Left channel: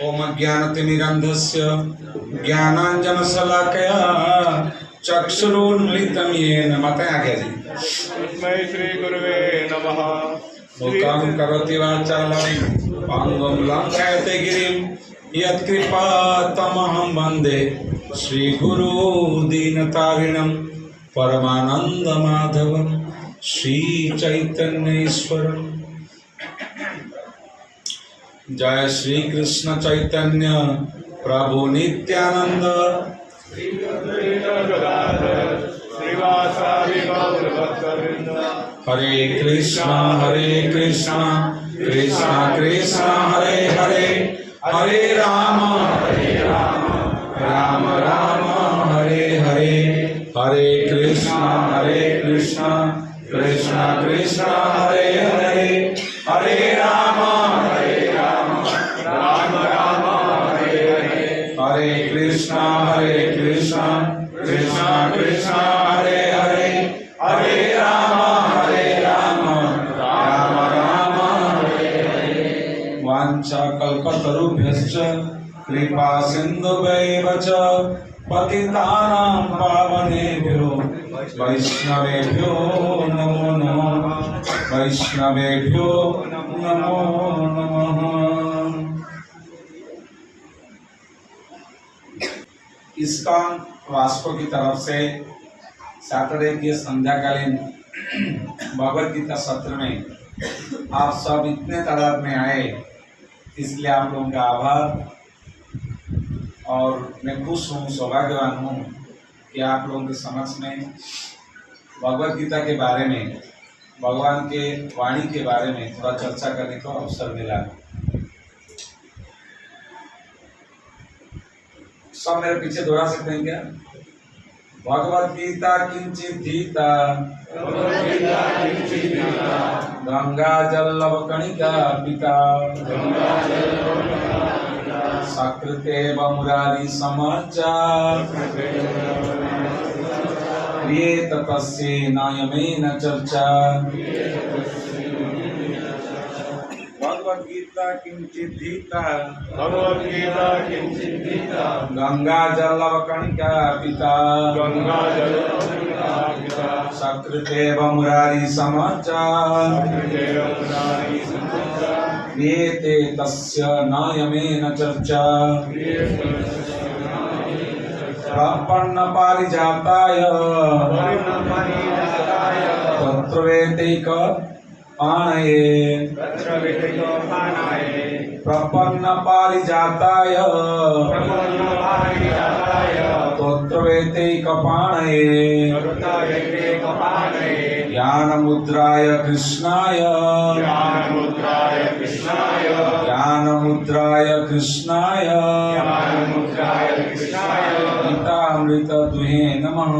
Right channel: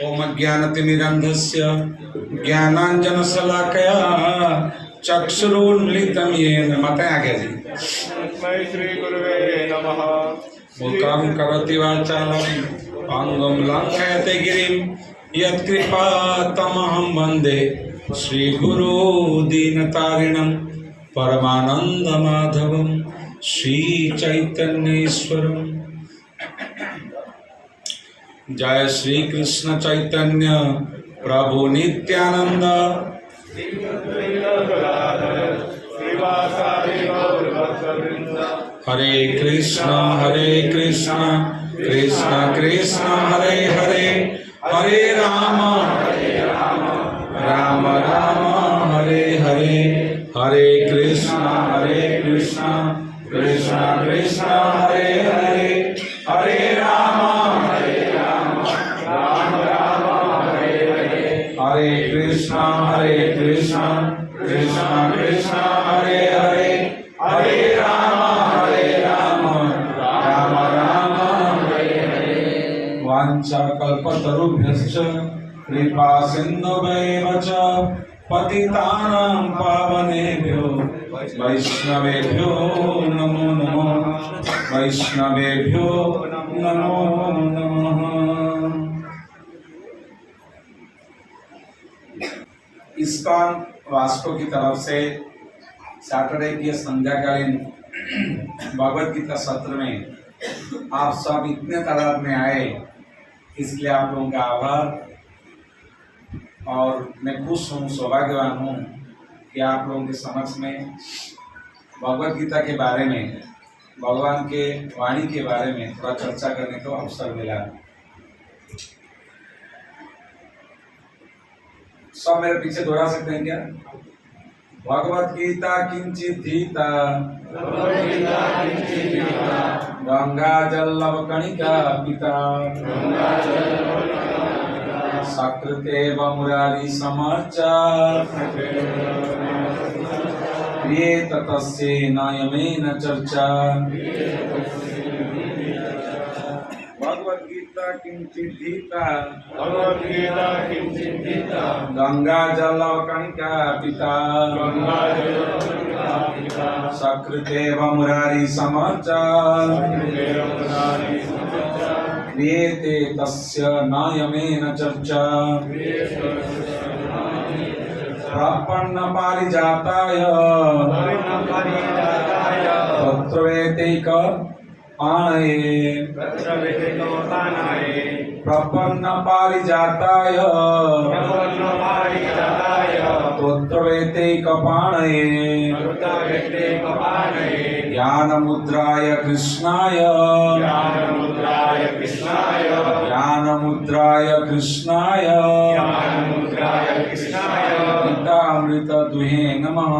ओम ज्ञानतिमिरन्धस्य ज्ञानाञ्जनशलाकया चक्षुरुन्मिलितं येन। माता आगे जी। श्री गुरुवे नमः। मुखं करोति वाचालं अंगं लङ्घयते गिरिं यत्कृपातमहं वन्दे श्रीगुरो दीनतारिणं परमानन्दमाधवं श्रीचैतन्येश्वरम्। जय श्री कृष्ण चैतन्य प्रभु नित्यानंद। हरे कृष्णा कृष्ण कृष्ण हरे हरे, हरे राम राम राम हरे हरे, हरे कृष्ण कृष्ण कृष्ण हरे हरे, हरे राम हरे कृष्णा कृष्ण कृष्ण हरे हरे, हरे राम राम राम हरे हरे। वाञ्छाकल्पतरुभ्यश्च कृपा सिन्धुभ्यैव च पतितानां पावनेभ्यो वैष्णवेभ्यो नमो नमः, वैष्णवेभ्यो नमो नमः। इस्कॉन वास्को की तरफ से सैटरडे की संध्याकालीन भगवत गीता सत्र में आप सब इतने तादाद में आए, इसलिए आप लोगों का आभार। और मैं खुश हूँ, सौभाग्यवान हूँ कि आप लोगों के समक्ष में भगवत गीता के बारे में, भगवान के वाणी के बारे में थोड़ा चर्चा करने को अवसर मिला। सब मेरे पीछे दोहरा सकते हैं क्या? भगवत गीता किंचित धीता, गंगा जल्लभ कणिका पिता, सकृतेव मुरारी समर्चा, प्रियेत तस्य नायमेन चर्चा। भगवत गीता किंचित धीता, गंगा जल्लभ कणिका पिता, सकृतेव मुरारी समर्चा, प्रियेते तस्य नायमेन चर्चा। प्रपन्न पारिजाताय तत्रवेतैक पाणये, प्रपन्न पारिजाताय तत्रवेतैक पाणये, ज्ञानमुद्राय कृष्णाय, ज्ञानमुद्राय कृष्णाय, गीतामृत दुहे नमः,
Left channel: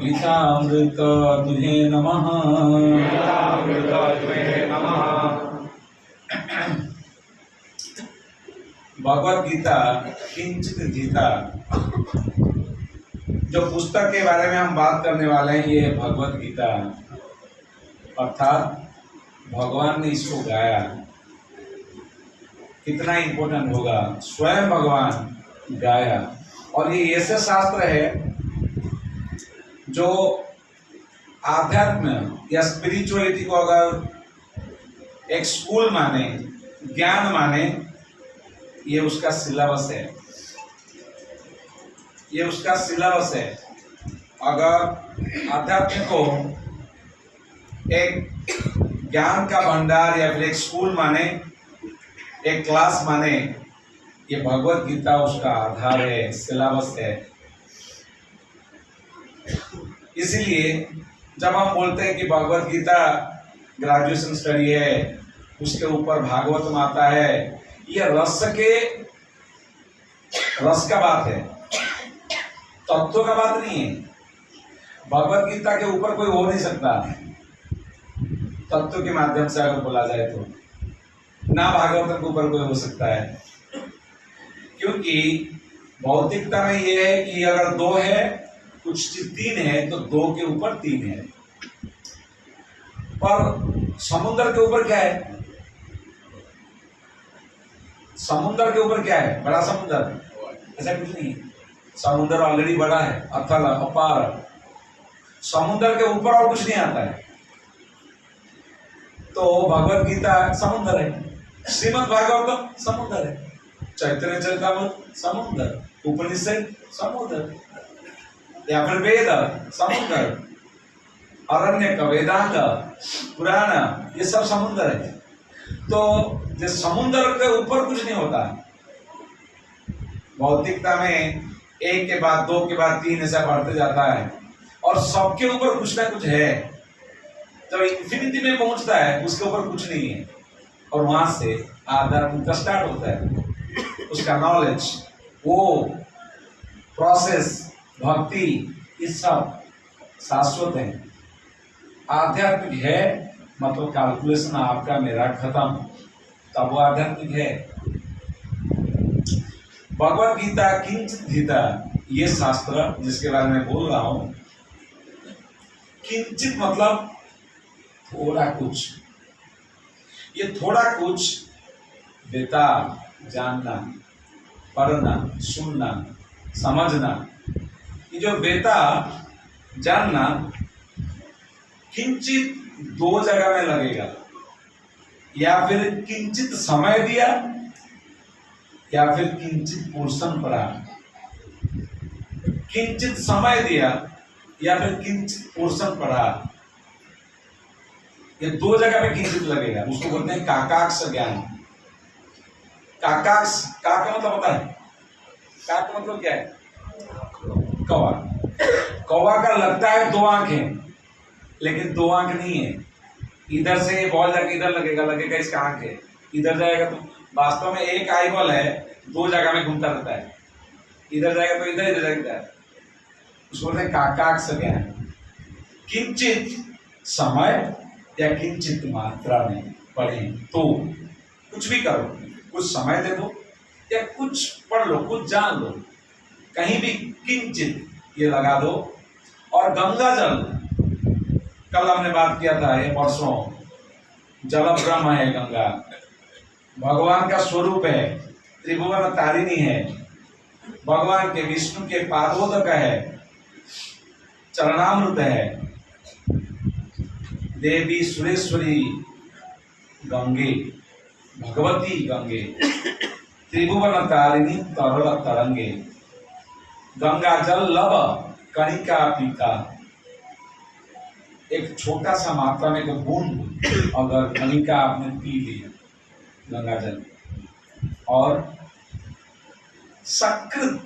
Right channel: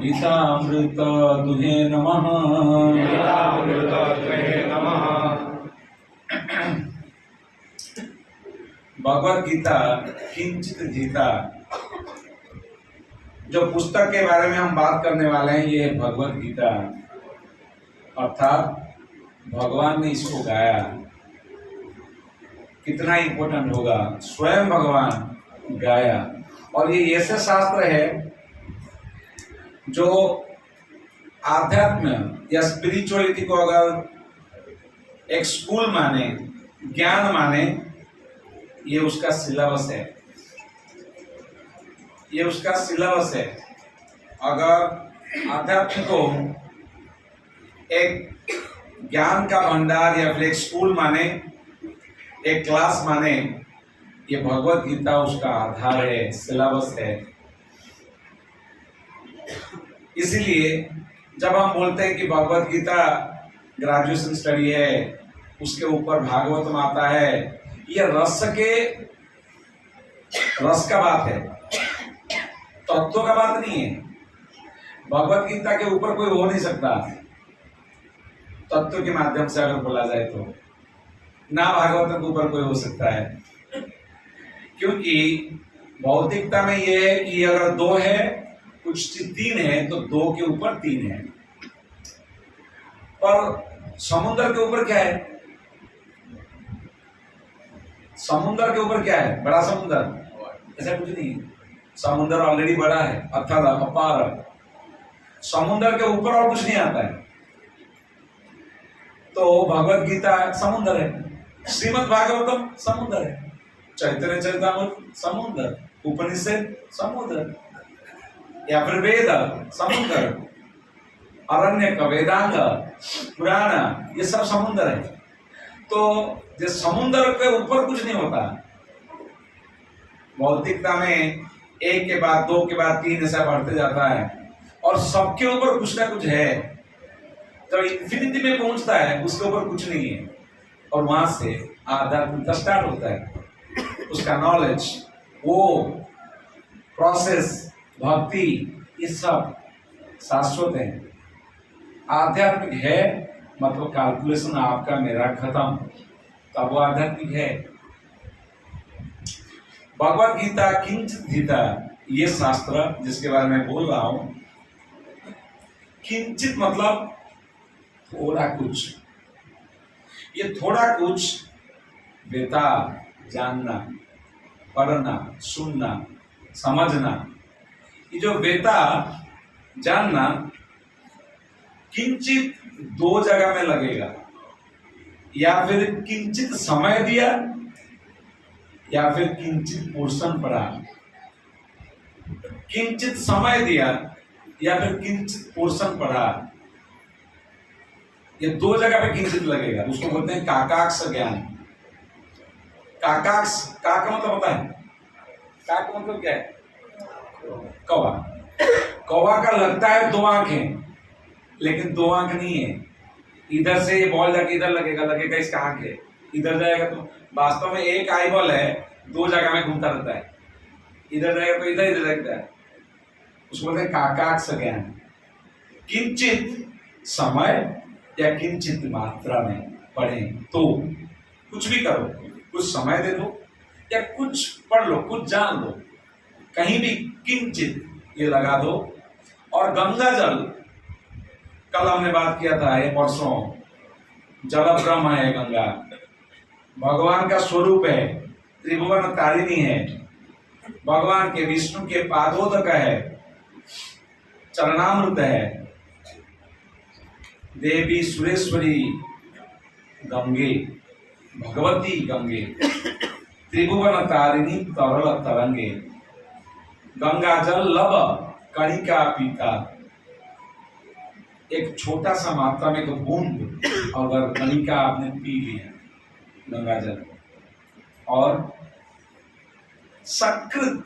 गीतामृत दुहे नमः। भगवत गीता किंचित धीता, जो पुस्तक के बारे में हम बात करने वाले हैं ये है भगवत गीता, अर्थात भगवान ने इसको गाया। कितना इंपॉर्टेंट होगा, स्वयं भगवान गाया। और ये ऐसे शास्त्र है जो आध्यात्म या स्पिरिचुअलिटी को अगर एक स्कूल माने, ज्ञान माने, ये उसका सिलेबस है, ये उसका सिलेबस है। अगर आध्यात्म को एक ज्ञान का भंडार या फिर एक स्कूल माने, एक क्लास माने, ये भगवत गीता उसका आधार है, सिलेबस है। इसीलिए जब हम बोलते हैं कि भगवत गीता ग्रेजुएशन स्टडी है, उसके ऊपर भागवत आता है, ये रस का बात है, तत्व का बात नहीं है। भगवत गीता के ऊपर कोई हो नहीं सकता तत्व के माध्यम से अगर बोला जाए तो, ना भागवत के ऊपर कोई हो सकता है। क्योंकि भौतिकता में ये है कि अगर दो है, कुछ चीज तीन है, तो दो के ऊपर तीन है। पर समुद्र के ऊपर क्या है? समुद्र के ऊपर क्या है? बड़ा समुद्र, ऐसा कुछ नहीं है। समुद्र ऑलरेडी बड़ा है, अथल अपार। समुद्र के ऊपर और कुछ नहीं आता है। तो भगवत गीता समुद्र है, श्रीमद् भागवतम समुद्र है, चैतन्य चरितामृत समुद्र, उपनिषद समुद्र, या फिर वेद समुद्र, अरण्यक, वेदांग, पुराण, ये सब समुद्र है। तो जो समुद्र के ऊपर कुछ नहीं होता। भौतिकता में एक के बाद दो के बाद तीन ऐसा बढ़ते जाता है, और सबके ऊपर कुछ ना कुछ है। जब इंफिनिटी में पहुंचता है उसके ऊपर कुछ नहीं है, और वहां से आध्यात्मिकता स्टार्ट होता है। उसका नॉलेज, वो प्रोसेस, भक्ति, ये सब शाश्वत है। आध्यात्मिक है मतलब कैलकुलेशन आपका मेरा खत्म, तब वो आध्यात्मिक है। भगवत गीता किंचित गीता, ये शास्त्र जिसके बारे में बोल रहा हूं, किंचित मतलब थोड़ा कुछ। ये थोड़ा कुछ बेतार, जानना, पढ़ना, सुनना, समझना। ये जो बेतार जानना किंचित दो जगह में लगेगा, या फिर किंचित समय दिया, या फिर किंचित पोर्शन पढ़ा। किंचित समय दिया या फिर किंचित पोर्शन पढ़ा, ये दो जगह पे किंचित लगेगा। उसको बोलते हैं काकाक्ष ज्ञान। काकाक्ष, का मतलब होता है, का मतलब क्या है? कौवा। कौवा का लगता है दो आंखें, लेकिन दो आंख नहीं है। इधर से बॉल जाके इधर लगेगा इसका आंख है, इधर जाएगा तो वास्तव में एक आई बॉल है, दो जगह में घूमता रहता है। इधर जाएगा तो इधर, इधर जाएगा। उसको बोलते हैं काकाक्ष ज्ञान। किंचित समय या किंचित मात्रा में पढ़ें तो, कुछ भी करो, कुछ समय दे दो या कुछ पढ़ लो, कुछ जान लो, कहीं भी किंचित ये लगा दो। और गंगा जल, कल हमने बात किया था, ये परसों, जल ब्रह्म है गंगा, भगवान का स्वरूप है, त्रिभुवन तारिणी है, भगवान के विष्णु के पादोदक है, चरणामृत है, देवी सुरेश्वरी गंगे, भगवती गंगे, त्रिभुवन तारिणी तरल तरंगे, गंगा जल लब कणिका पीता। एक छोटा सा मात्रा में एक बूंद अगर कणिका आपने पी लिया गंगा जल, और सकृत,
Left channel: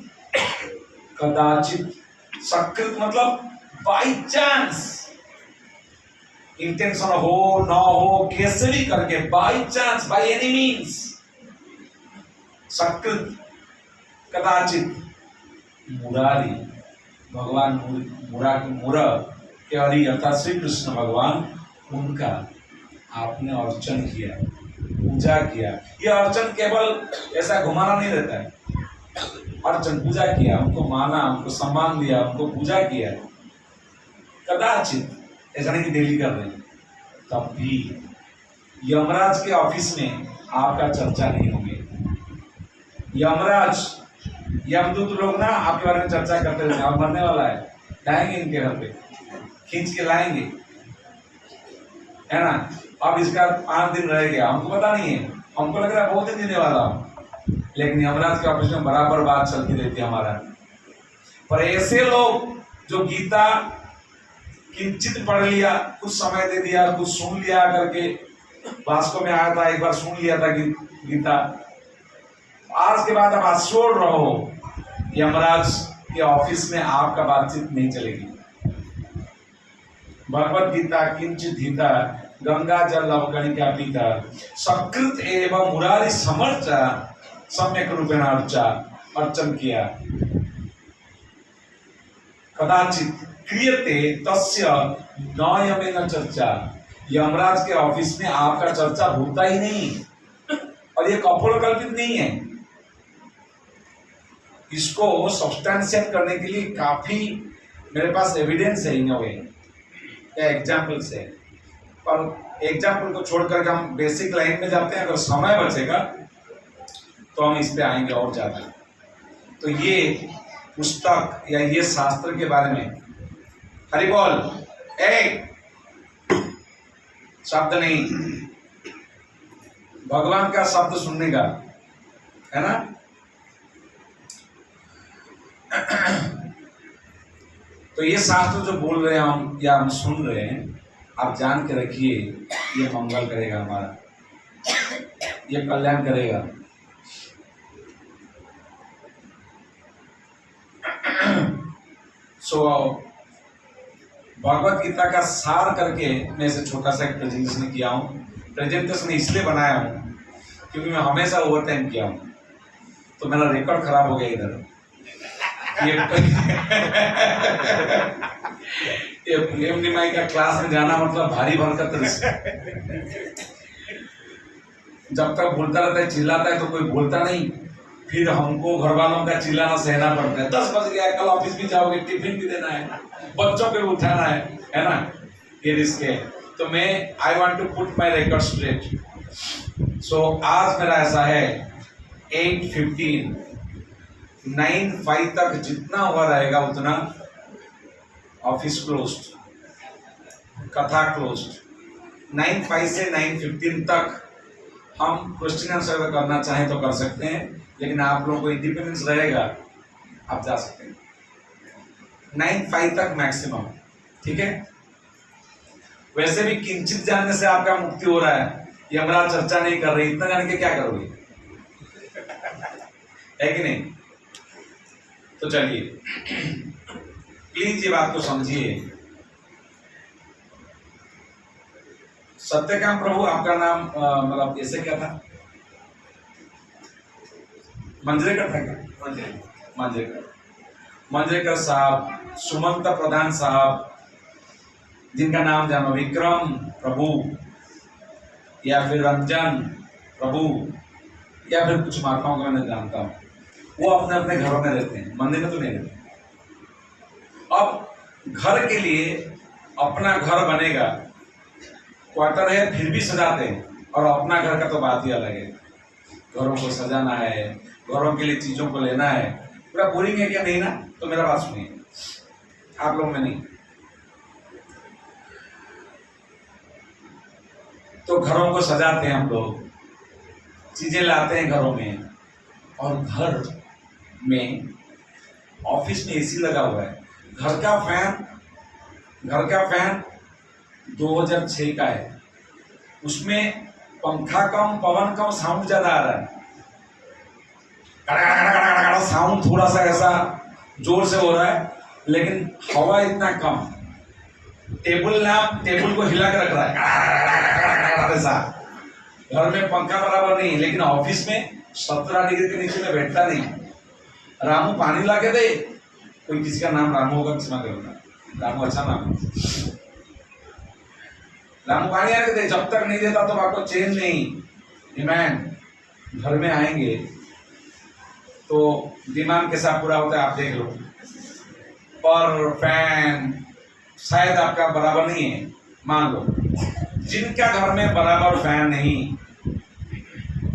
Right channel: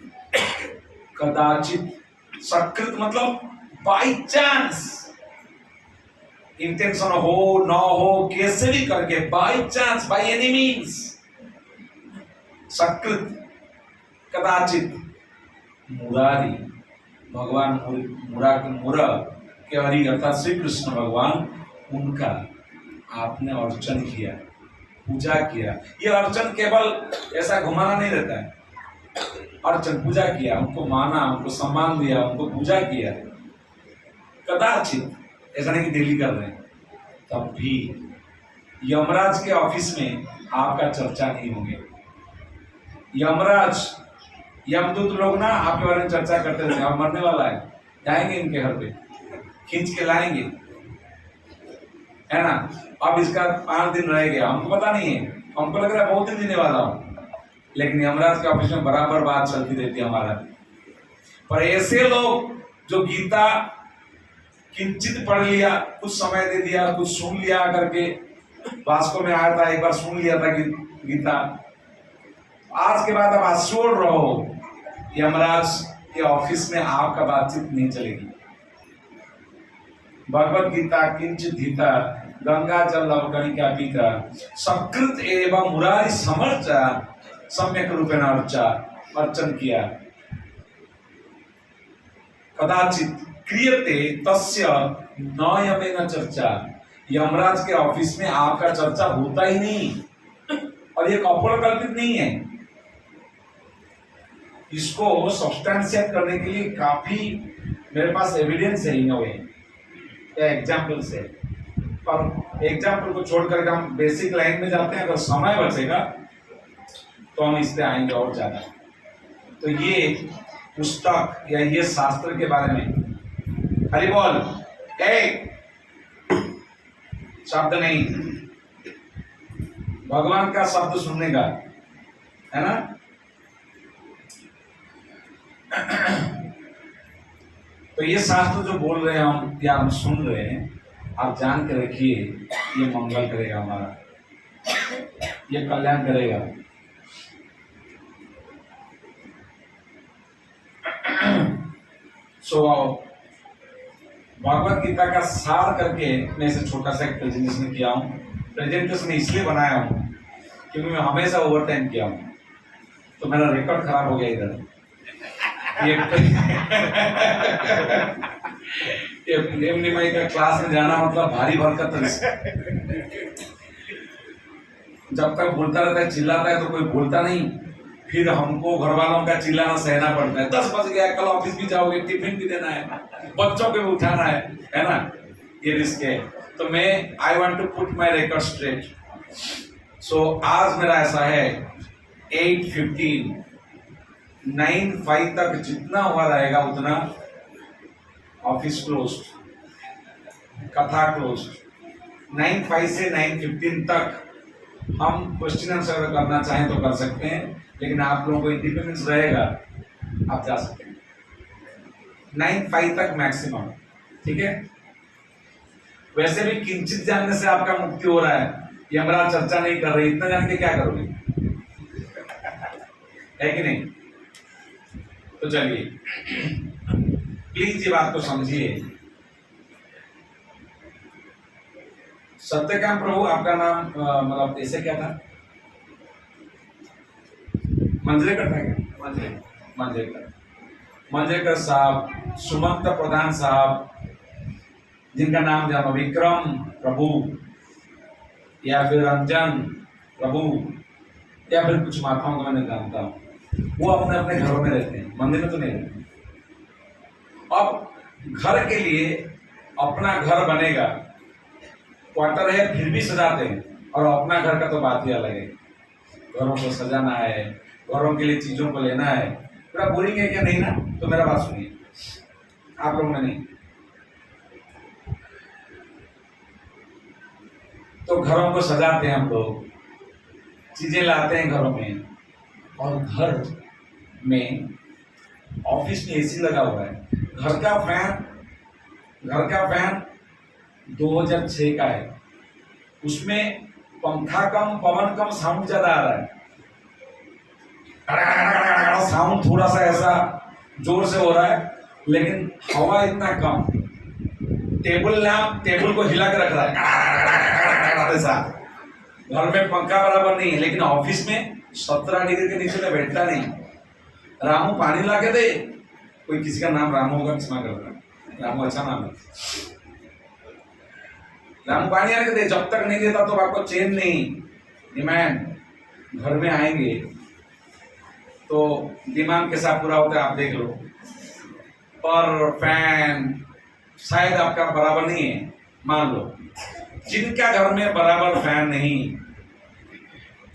कदाचित, सकृत मतलब बाई चांस, इंटेंशन हो ना हो, कैसे भी करके, by chance, by any means, सकृत, कदाचित, मुरारी, भगवान मुरा के हरि अर्थात श्री कृष्ण भगवान, उनका आपने अर्चन किया, पूजा किया। यह अर्चन केवल ऐसा घुमाना नहीं रहता है, अर्चन पूजा किया, उनको माना, उनको सम्मान दिया, उनको पूजा किया, कदाचित, ऐसा नहीं कि डेली कर रहे हैं, तब भी यमराज के ऑफिस में आपका चर्चा नहीं होंगे। यमराज, यमदूत लोग ना आपके बारे में चर्चा करते रहते हैं, अब मरने वाला है, जाएंगे इनके घर पे, खींच के लाएंगे, है ना। अब इसका 5 दिन रह गया, हमको पता नहीं है, हमको लग रहा है बहुत दिन जीने वाला हूं, लेकिन यमराज के ऑफिस में बराबर बात चलती रहती है हमारा। पर ऐसे लोग जो गीता किंचित पढ़ लिया, कुछ समय दे दिया, कुछ सुन लिया करके, वास्तव में आया था, एक बार सुन लिया था गीता, आज के बाद अब आश्योर रहो, यमराज के ऑफिस में आपका बातचीत नहीं चलेगी। भगवत गीता किंचित हिता, गंगा जल लवकणिका पीता, सकृत एवं मुरारी समर्चा सम्यक रूपेण अर्चन किया, कदाचित क्रियते तस्य न यमेन चर्चा। यमराज के ऑफिस में आपका चर्चा होता ही नहीं, और ये कपोलकल्पित नहीं है। इसको सब्सटैंशिएट करने के लिए काफी मेरे पास एविडेंस है, इन वे या एग्जाम्पल्स है। और एग्जाम्पल को छोड़ करके हम बेसिक लाइन में जाते हैं, अगर समय बचेगा तो हम इस पे आएंगे और ज्यादा। तो ये पुस्तक या ये शास्त्र के बारे में हरि बोल, शब्द नहीं, भगवान का शब्द सुनने का, है ना। तो ये शास्त्र जो बोल रहे हैं हम या हम सुन रहे हैं, आप जान के रखिए, ये मंगल करेगा हमारा, ये कल्याण करेगा। सो भगवत गीता का सार करके मैं इसे छोटा सा एक प्रेजेंटेशन किया हूँ। प्रेजेंटेशन इसलिए बनाया हूँ क्योंकि मैं हमेशा ओवर टाइम किया हूँ, तो मेरा रिकॉर्ड खराब हो गया इधर। ये निमाई का क्लास में जाना मतलब भारी भरकत है। जब तक बोलता रहता है, चिल्लाता है, तो कोई बोलता नहीं, फिर हमको घर वालों का चिल्लाना सहना पड़ता है। 10 बज गया, कल ऑफिस भी जाओगे, टिफिन भी देना है, बच्चों को भी उठाना है ना, ये रिस्क है। तो मैं I want to put my record straight. So आज मेरा ऐसा है 8:15 9:05 तक जितना हुआ रहेगा उतना ऑफिस क्लोज्ड, कथा क्लोज्ड। 9:05 से 9:15 तक हम क्वेश्चन आंसर करना चाहें तो कर सकते हैं, लेकिन आप लोगों को इंडिपेंडेंस रहेगा, आप जा सकते हैं 9:05 तक मैक्सिमम, ठीक है। वैसे भी किंचित जानने से आपका मुक्ति हो रहा है, यमराज चर्चा नहीं कर रही, इतना जान के क्या करोगे, है कि नहीं। तो चलिए प्लीज ये बात को समझिए। सत्यकाम प्रभु, आपका नाम मतलब ऐसे क्या था, मंजरेकर था क्या? मंजरेकर साहब, सुमंत प्रधान साहब, जिनका नाम जानो, विक्रम प्रभु या फिर रंजन प्रभु या फिर कुछ महात्माओं को मैं जानता हूँ, वो अपने अपने घरों में रहते हैं, मंदिर में तो नहीं रहते। अब घर के लिए अपना घर बनेगा, क्वार्टर है फिर भी सजाते हैं, और अपना घर का तो बात ही अलग है। घरों को सजाना है, घरों के लिए चीजों को लेना है, पूरा बोरिंग है क्या? नहीं ना। तो मेरा बात सुनिए, आप लोग में नहीं। तो घरों को सजाते हैं हम लोग, चीजें लाते हैं घरों में, और घर में ऑफिस में एसी लगा हुआ है, घर का फैन 2006 का है, उसमें पंखा कम, पवन कम, साउंड ज्यादा आ रहा है, साउंड थोड़ा सा ऐसा जोर से हो रहा है, लेकिन हवा इतना कम। टेबल लैंप टेबल को हिला के रख रहा है ऐसा। घर में पंखा बराबर नहीं है, लेकिन ऑफिस में 17 डिग्री के नीचे में बैठता नहीं। रामू पानी ला के दे, कोई किसी का नाम रामू होगा, क्षमा करूंगा, रामू अच्छा नाम है, रामू पानी आके दे, जब तक नहीं देता तो आपको चैन नहीं। ईमान घर में आएंगे तो डिमांड के साथ पूरा होता है, आप देख लो। पर फैन शायद आपका बराबर नहीं है। मान लो जिनका घर में बराबर फैन नहीं,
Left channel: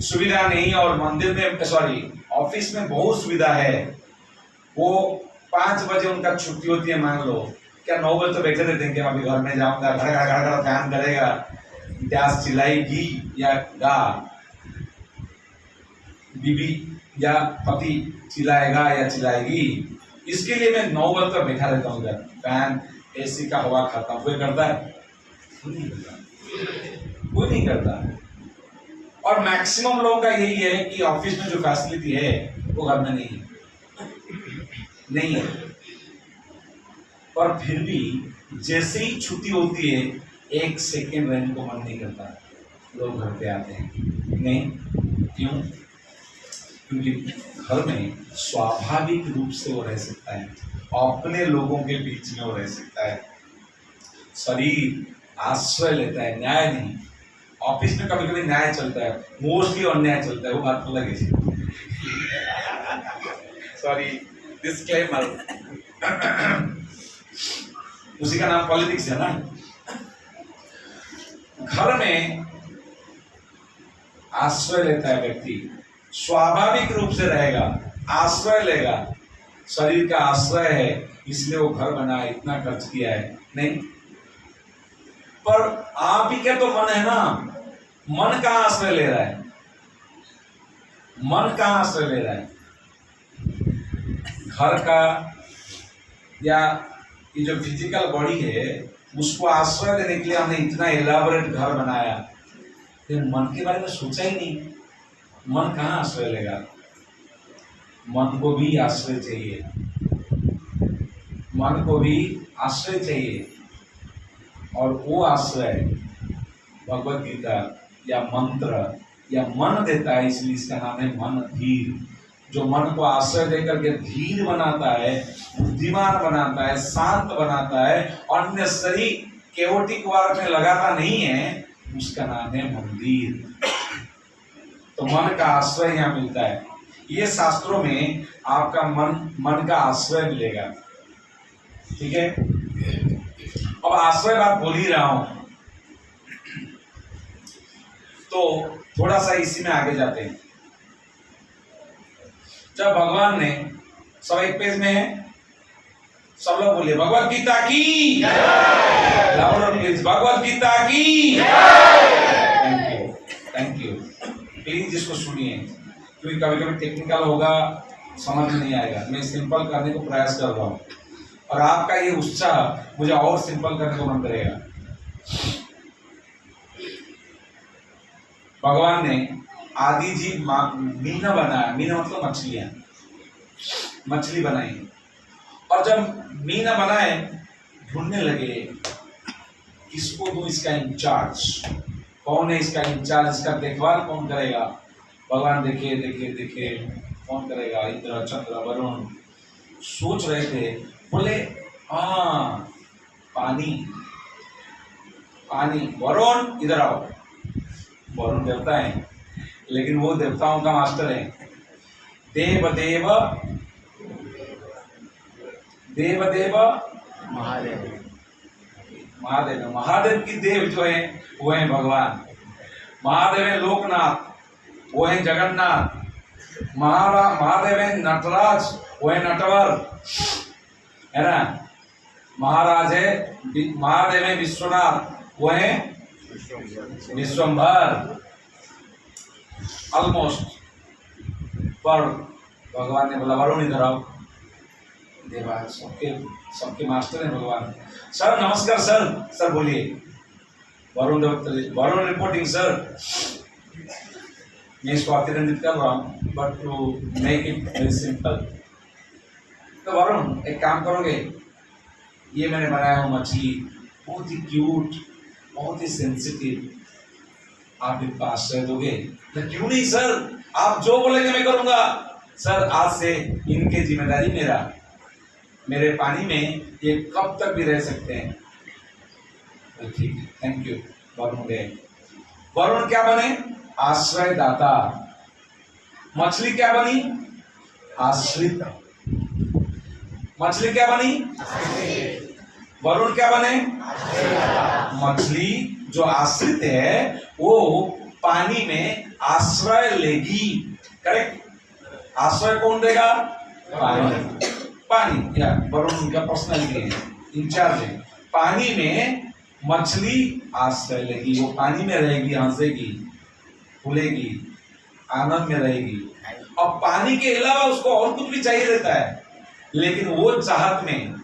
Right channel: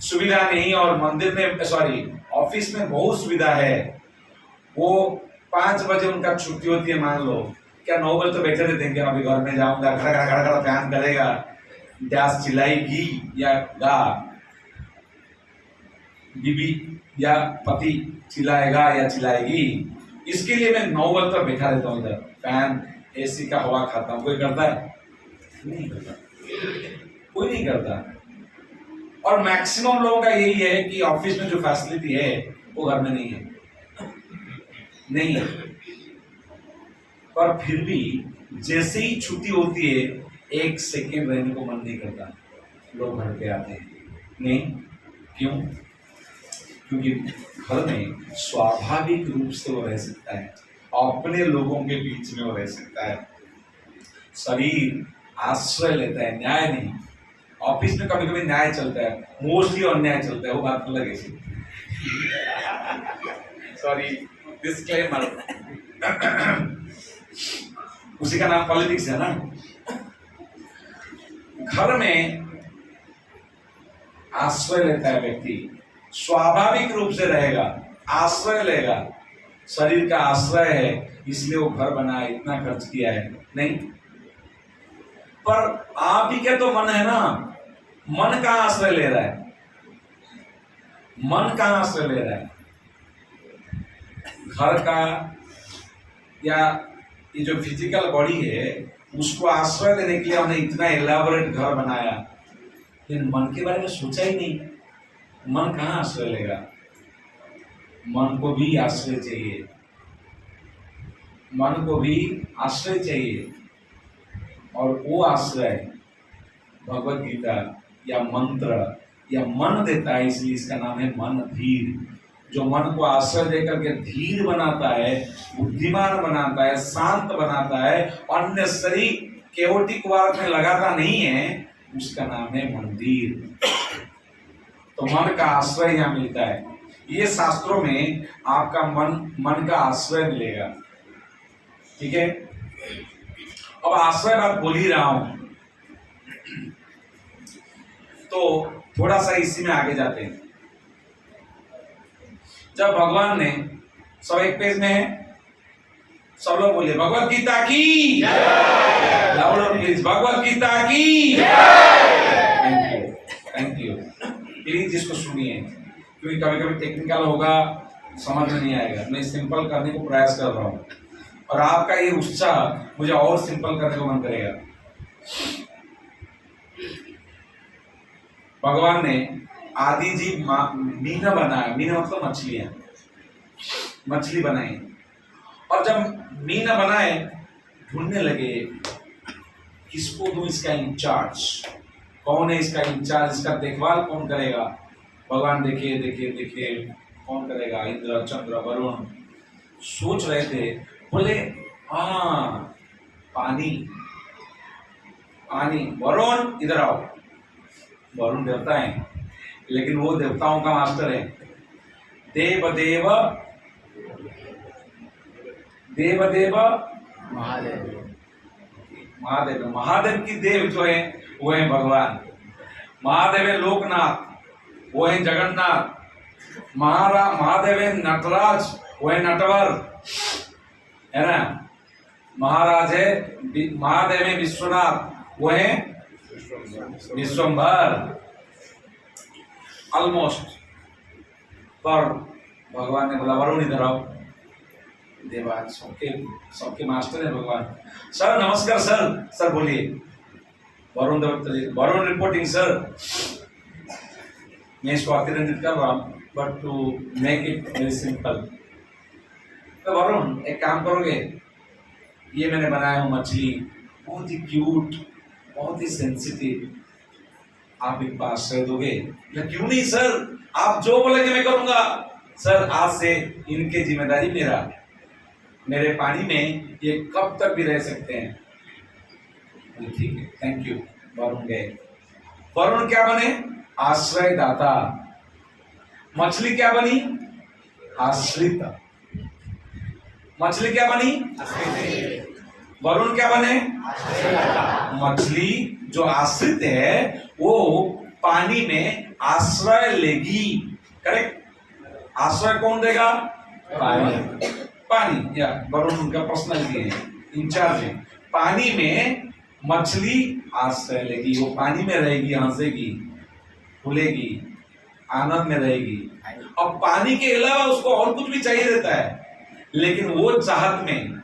सुविधा नहीं, और मंदिर में सॉरी ऑफिस में बहुत सुविधा है, वो 5 बजे उनका छुट्टी होती है, मान लो, क्या 9 बजे तो बैठे रहते हैं? क्या अभी घर में जाऊंगा, घड़ा घड़ा घड़ा घड़ा फैन करेगा, गैस चिल्लाएगी या गा, बीबी या पति चिल्लाएगा या चिल्लाएगी? इसके लिए मैं 9 बजे तक बैठा रहता हूँ इधर, फैन एसी का हवा खाता हूँ। कोई करता है? कोई नहीं करता, कोई नहीं करता। और मैक्सिमम लोगों का यही है कि ऑफिस में जो फैसिलिटी है वो घर में नहीं है, नहीं है। पर फिर भी जैसे ही छुट्टी होती है, 1 सेकेंड रहने को मन नहीं करता, लोग घर पे आते हैं। नहीं, क्यों? क्योंकि घर में स्वाभाविक रूप से वो रह सकता है, अपने लोगों के बीच में वो रह सकता है। शरीर आश्रय लेता है, न्याय नहीं। ऑफिस में कभी कभी न्याय चलता है, मोस्टली अन्याय चलता है, वो बात अलग है। Sorry, disclaimer. उसी का नाम पॉलिटिक्स है ना। घर में आश्रय लेता है व्यक्ति, स्वाभाविक रूप से रहेगा, आश्रय लेगा। शरीर का आश्रय है, इसलिए वो घर बनाया, इतना खर्च किया है। नहीं, पर आप ही के तो मन है ना। मन का आश्रय ले रहा है, मन का आश्रय ले रहा है। घर का या ये जो फिजिकल बॉडी है, उसको आश्रय देने के लिए हमने इतना इलाबोरेट घर बनाया, लेकिन मन के बारे में सोचा ही नहीं। मन कहाँ आश्रय लेगा? मन को भी आश्रय चाहिए, मन को भी आश्रय चाहिए। और वो आश्रय भगवत गीता या मंत्र या मन देता है, इसलिए इसका नाम है मन धीर। जो मन को आश्रय देकर के धीर बनाता है, बुद्धिमान बनाता है, शांत बनाता है, अननेसेसरी केओटिक वर्क में लगाता नहीं है, उसका नाम है मंदिर। तो मन का आश्रय यहाँ मिलता है। ये शास्त्रों में आपका मन का आश्रय मिलेगा। ठीक है, अब आश्रय बात बोल ही रहा हूं, तो थोड़ा सा इसी में आगे जाते हैं। जब भगवान ने, सब एक पेज में है, सब लोग बोलिए भगवत गीता की जय, प्लीज भगवत गीता की जय। Thank you, thank you. Please इसको सुनिए, क्योंकि कभी कभी टेक्निकल होगा, समझ में नहीं आएगा। मैं सिंपल करने को प्रयास कर रहा हूँ, और आपका ये उत्साह मुझे और सिंपल करने को मन करेगा। भगवान ने आदि जीव मीन बनाया, मीन मतलब मछलियां, मछली बनाई। और जब मीन बनाए, ढूंढने लगे किसको दूं इसका इंचार्ज, कौन है इसका इंचार्ज, इसका देखभाल कौन करेगा। भगवान देखे देखे देखे, कौन करेगा? इंद्र, चंद्र, वरुण। सोच रहे थे, बोले हाँ पानी, पानी, वरुण इधर आओ। वरुण देवता है, लेकिन वो देवताओं का मास्टर है। देवदेव, देवदेव महादेव, महादेव, महादेव की देव जो है वो है भगवान। महादेव है लोकनाथ, वो है जगन्नाथ। महादेव है नटराज, वो है नटवर, है ना। महाराज है, महादेव है विश्वनाथ, वो है विश्वंभर, ऑलमोस्ट। पर भगवान ने बोला वरुण इधर आओ। देवा सबके सबके मास्टर है भगवान। सर नमस्कार सर, सर बोलिए। Varun Varun reporting sir. मैं इसको अतिरंजित कर रहा हूँ, but to make it very simple. तो वरुण एक काम करोगे, ये मैंने बनाया हूँ मछली, बहुत ही क्यूट, बहुत ही सेंसिटिव, आप इनको आश्रय दोगे? क्यों नहीं सर, आप जो बोलेंगे मैं करूंगा। सर आज से इनके जिम्मेदारी मेरा, मेरे पानी में ये कब तक भी रह सकते हैं। ठीक है, थैंक यू। वरुण गए। वरुण क्या बने? आश्रय दाता। मछली क्या बनी? आश्रित। मछली क्या बनी? वरुण क्या बने? मछली जो आश्रित है वो पानी में आश्रय लेगी। करेक्ट? आश्रय कौन देगा? पानी। पानी या वरुण उनका पर्सनल है, इंचार्ज है। पानी में मछली आश्रय लेगी, वो पानी में रहेगी, हंसेगी, फूलेगी, आनंद में रहेगी। अब पानी के अलावा उसको और कुछ भी चाहिए रहता है, लेकिन वो चाहत में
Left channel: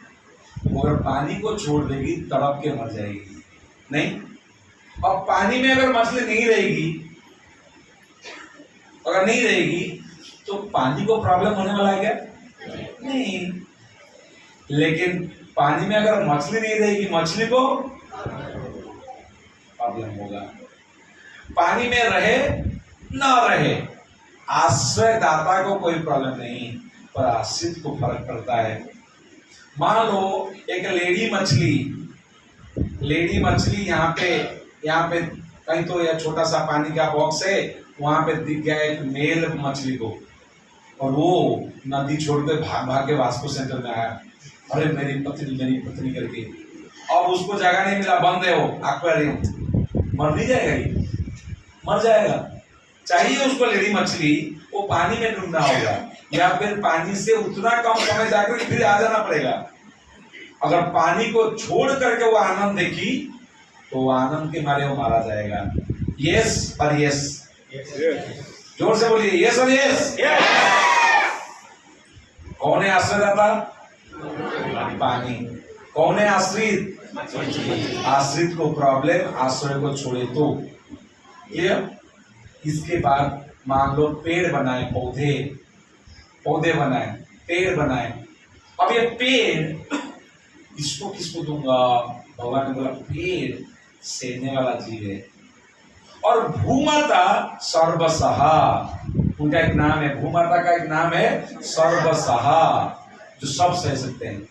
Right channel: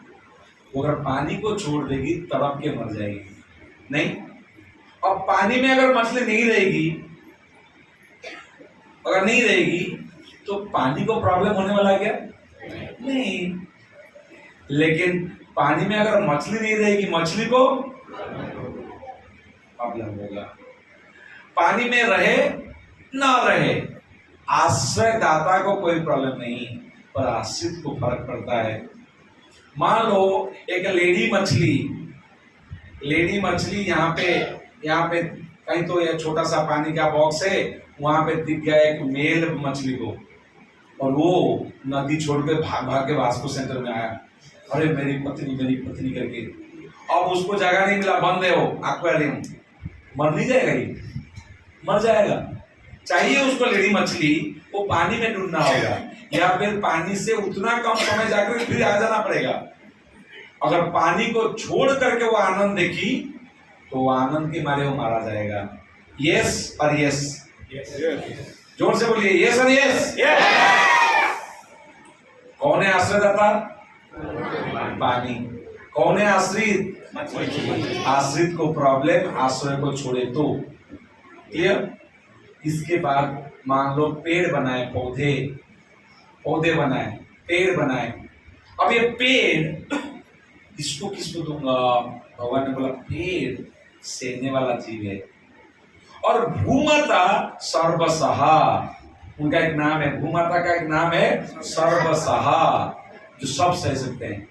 वो अगर पानी को छोड़ देगी तड़प के मर जाएगी। नहीं, अब पानी में अगर मछली नहीं रहेगी, अगर नहीं रहेगी तो पानी को प्रॉब्लम होने वाला है क्या? नहीं। लेकिन पानी में अगर मछली नहीं रहेगी, मछली को प्रॉब्लम होगा। पानी में रहे ना रहे, आश्रयदाता को कोई प्रॉब्लम नहीं, पर आश्रित को फर्क पड़ता है। मान लो एक लेडी मछली यहाँ पे कहीं तो यह छोटा सा पानी का बॉक्स है, वहां पे दिख गया एक मेल मछली को, और वो नदी छोड़ के भाग के वास्को सेंटर में आया। अरे मेरी पत्नी करके। अब उसको जगह नहीं मिला, बंद है वो एक्वेरियम, मर नहीं जाएगा ये? मर जाएगा। चाहिए उसको लेडी मछली, वो पानी में ढूंढना होगा, या फिर पानी से उतना कम समय जाकर फिर आ जाना पड़ेगा। अगर पानी को छोड़ करके वो आनंद देखी तो वो आनंद के मारे वो मारा जाएगा। यस और यस, जोर से बोलिए यस और यस। कौन है आश्रयदाता? पानी। कौन है आश्रित? आश्रित को प्रॉब्लम, आश्रय को छोड़े तो। क्लियर? इसके बाद मान लो पेड़ बनाए, पौधे बनाए, पेड़ बनाए। अब ये पेड़ इसको किसको दूंगा? भगवान ने बोला पेड़ सेने वाला जीव है। और भूमाता सर्वसहा, उनका एक नाम है, भूमाता का एक नाम है सर्वसहा, जो सब सह सकते हैं।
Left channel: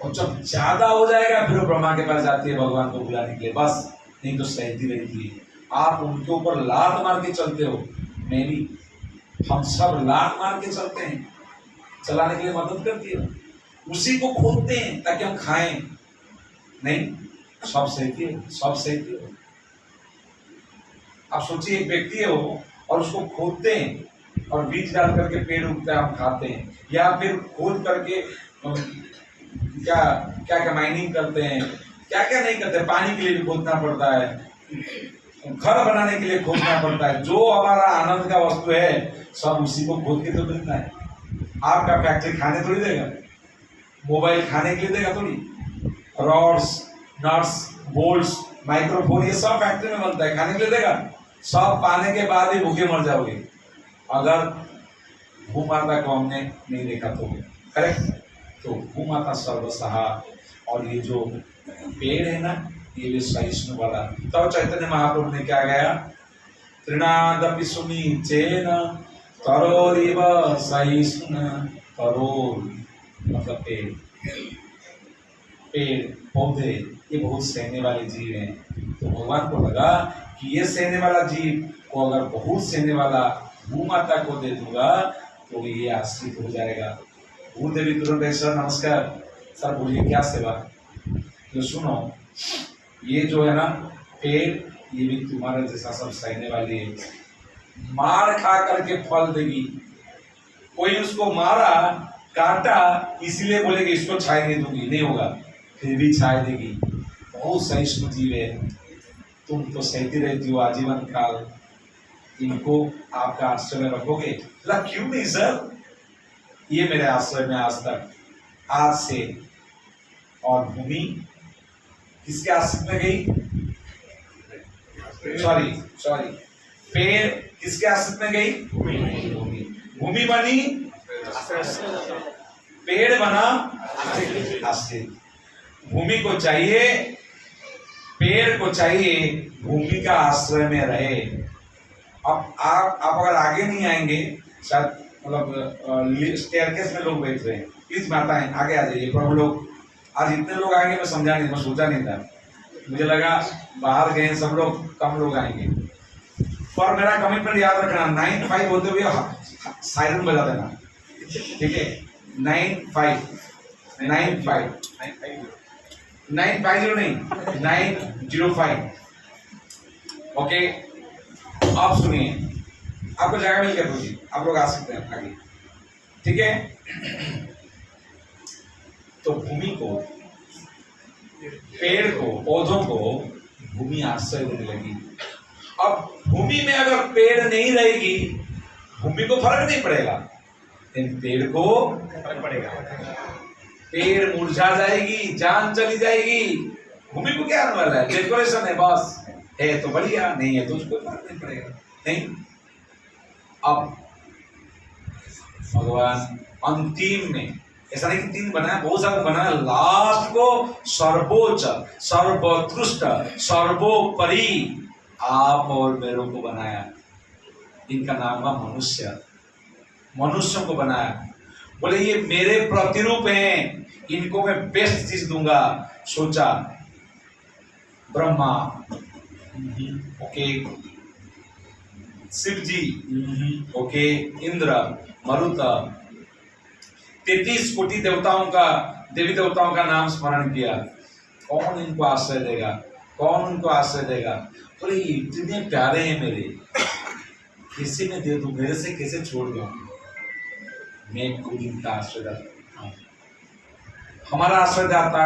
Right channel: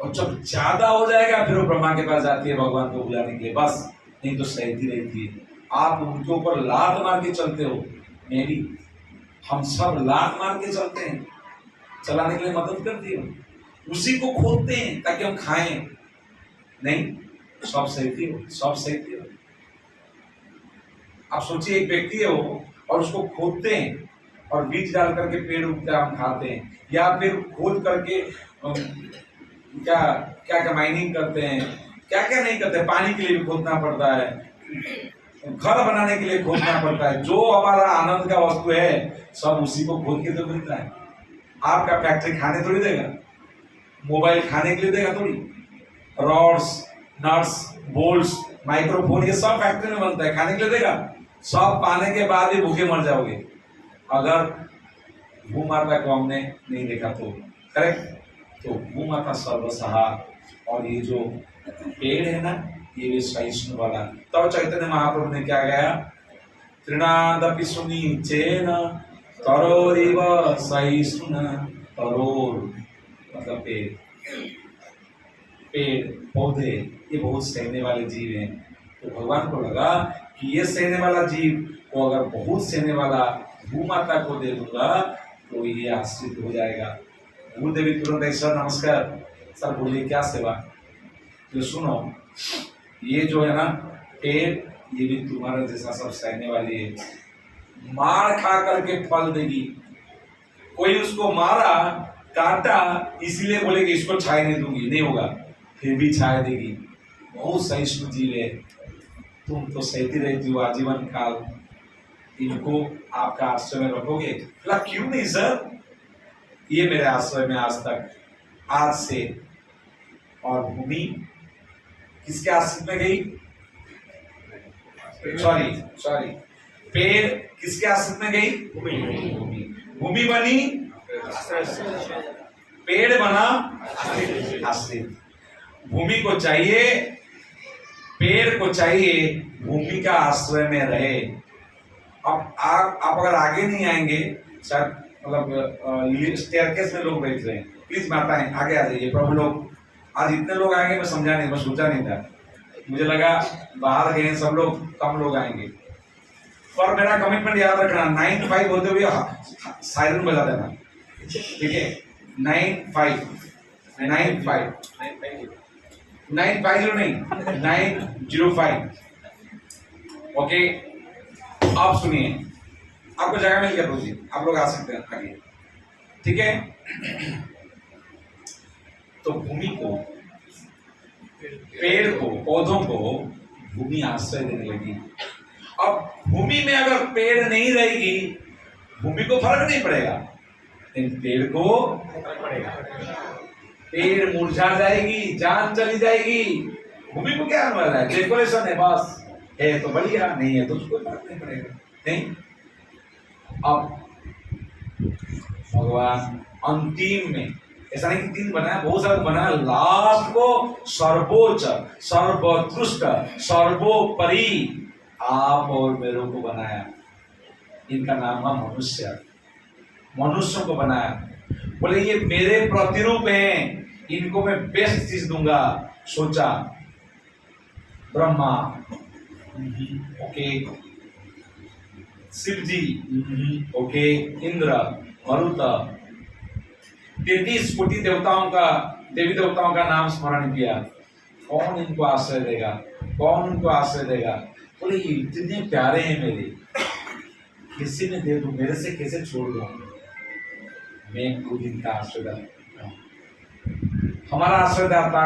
और जब ज्यादा हो जाएगा फिर वो ब्रह्मा के पास जाती है भगवान को बुलाने के लिए, बस, नहीं तो सहती रहती है। आप उनके ऊपर लात मार के चलते हो, मैं भी, हम सब लात मार के चलते हैं, चलाने के लिए मदद करती हो, उसी को खोदते हैं ताकि हम खाएं। नहीं, सब सहती हो। आप सोचिए एक व्यक्ति है वो, और उसको खोदते हैं और बीज डाल करके पेड़ उगता है, हम खाते हैं। या फिर खोद करके क्या माइनिंग करते हैं, क्या नहीं करते, पानी के लिए भी खोदना पड़ता है, घर बनाने के लिए खोदना पड़ता है। जो हमारा आनंद का वस्तु है सब उसी को खोद के तो मिलता है। आपका फैक्ट्री खाने थोड़ी देगा, मोबाइल खाने के लिए देगा थोड़ी। रॉड्स, नट्स, बोल्ट्स, माइक्रोफोन, ये सब फैक्ट्री में बनता है, खाने के लिए देगा? सब पाने के बाद भी भूखे मर जाओगे अगर भूमाता को हमने नहीं देखा तो। करेक्ट? तो भूमाता सर्वसहा। और ये जो पेड़ है ना, ये भी सहिष्णु वाला। तो चैतन्य महाप्रभु ने क्या गाया? तृणादपि सुनीचेन तरोरिव सहिष्णु। तरोर मतलब पेड़ पौधे, ये बहुत सहने वाले जीव हैं। तो भगवान को लगा कि ये सहने वाला जीव को अगर बहुत सहने वाला भूमाता को दे दूंगा तो ये आश्रित हो जाएगा। भूदेवी तुरंत सर नमस्कार, सर बोलिए क्या सेवा? तो सुनो, ये जो है ना पेड़, ये भी तुम्हारे जैसा सब सहने वाली है, मार खा करके फल देगी। कोई उसको मारा, काटा, इसलिए बोलेगी इसको छाई नहीं दूंगी, नहीं होगा, फिर भी छाई देगी। बहुत सहिष्णु जीव है। तुम तो सहती रहती हो आजीवन काल, इनको आपका आश्रय में रखोगे? क्यों नहीं सर, ये मेरे आश्रय में आज तक, आज से। और भूमि किसके आश्रित में गई? सॉरी, पेड़ किसके आश्रित में गई? भूमि बनी, पेड़ बना आश्रित। भूमि को चाहिए, पेड़ को चाहिए भूमि का आश्रय में रहे। अब आप अगर आगे नहीं आएंगे, शायद मतलब स्टेयरकेस में लोग बैठ रहे हैं, प्लीज माताएं आगे आ जाइए। प्रभु लोग आज इतने लोग आएंगे मैं समझा नहीं, मैं सोचा नहीं था, मुझे लगा बाहर गए सब लोग, कम लोग आएंगे। पर मेरा कमिटमेंट याद रखना, 9-5 होते हुए सायरन बजा देना, ठीक है? 9-5 950 नहीं, 905। ओके, अब सुनिए, आपको जगह मिल गया जी, आप लोग आ सकते हैं आगे, ठीक है? तो भूमि को, पेड़ को, पौधों को भूमि आश्रय देने लगी। अब भूमि में अगर पेड़ नहीं रहेगी, भूमि को फर्क नहीं पड़ेगा, लेकिन पेड़ को फर्क पड़ेगा। पेड़ मुरझा जाएगी, जान चली जाएगी, भूमि को क्या आने वाला है? डेकोरेशन है बस, है तो बढ़िया, नहीं है तो उसको फर्क नहीं पड़ेगा। नहीं, अब भगवान अंतिम में, ऐसा नहीं कि 3 बनाया, बहुत सारा बनाया, लास्ट को सर्वोच्च, सर्वोत्कृष्ट, सर्वोपरि आप और मेरों को बनाया। इनका नाम है मनुष्य, मनुष्यों को बनाया। बोले ये मेरे प्रतिरूप हैं, इनको मैं बेस्ट चीज दूंगा। सोचा ब्रह्मा, ओके, शिव जी, ओके, इंद्र, मरुत, 33 कोटि देवताओं का, देवी देवताओं का नाम स्मरण किया। कौन इनको आश्रय देगा? कौन उनको आश्रय देगा? बोले ये इतने प्यारे हैं मेरे, किसी में दे दूं, मेरे से कैसे छोड़ दूं? मैं खुद इनका आश्रयदाता हूं। हमारा आश्रयदाता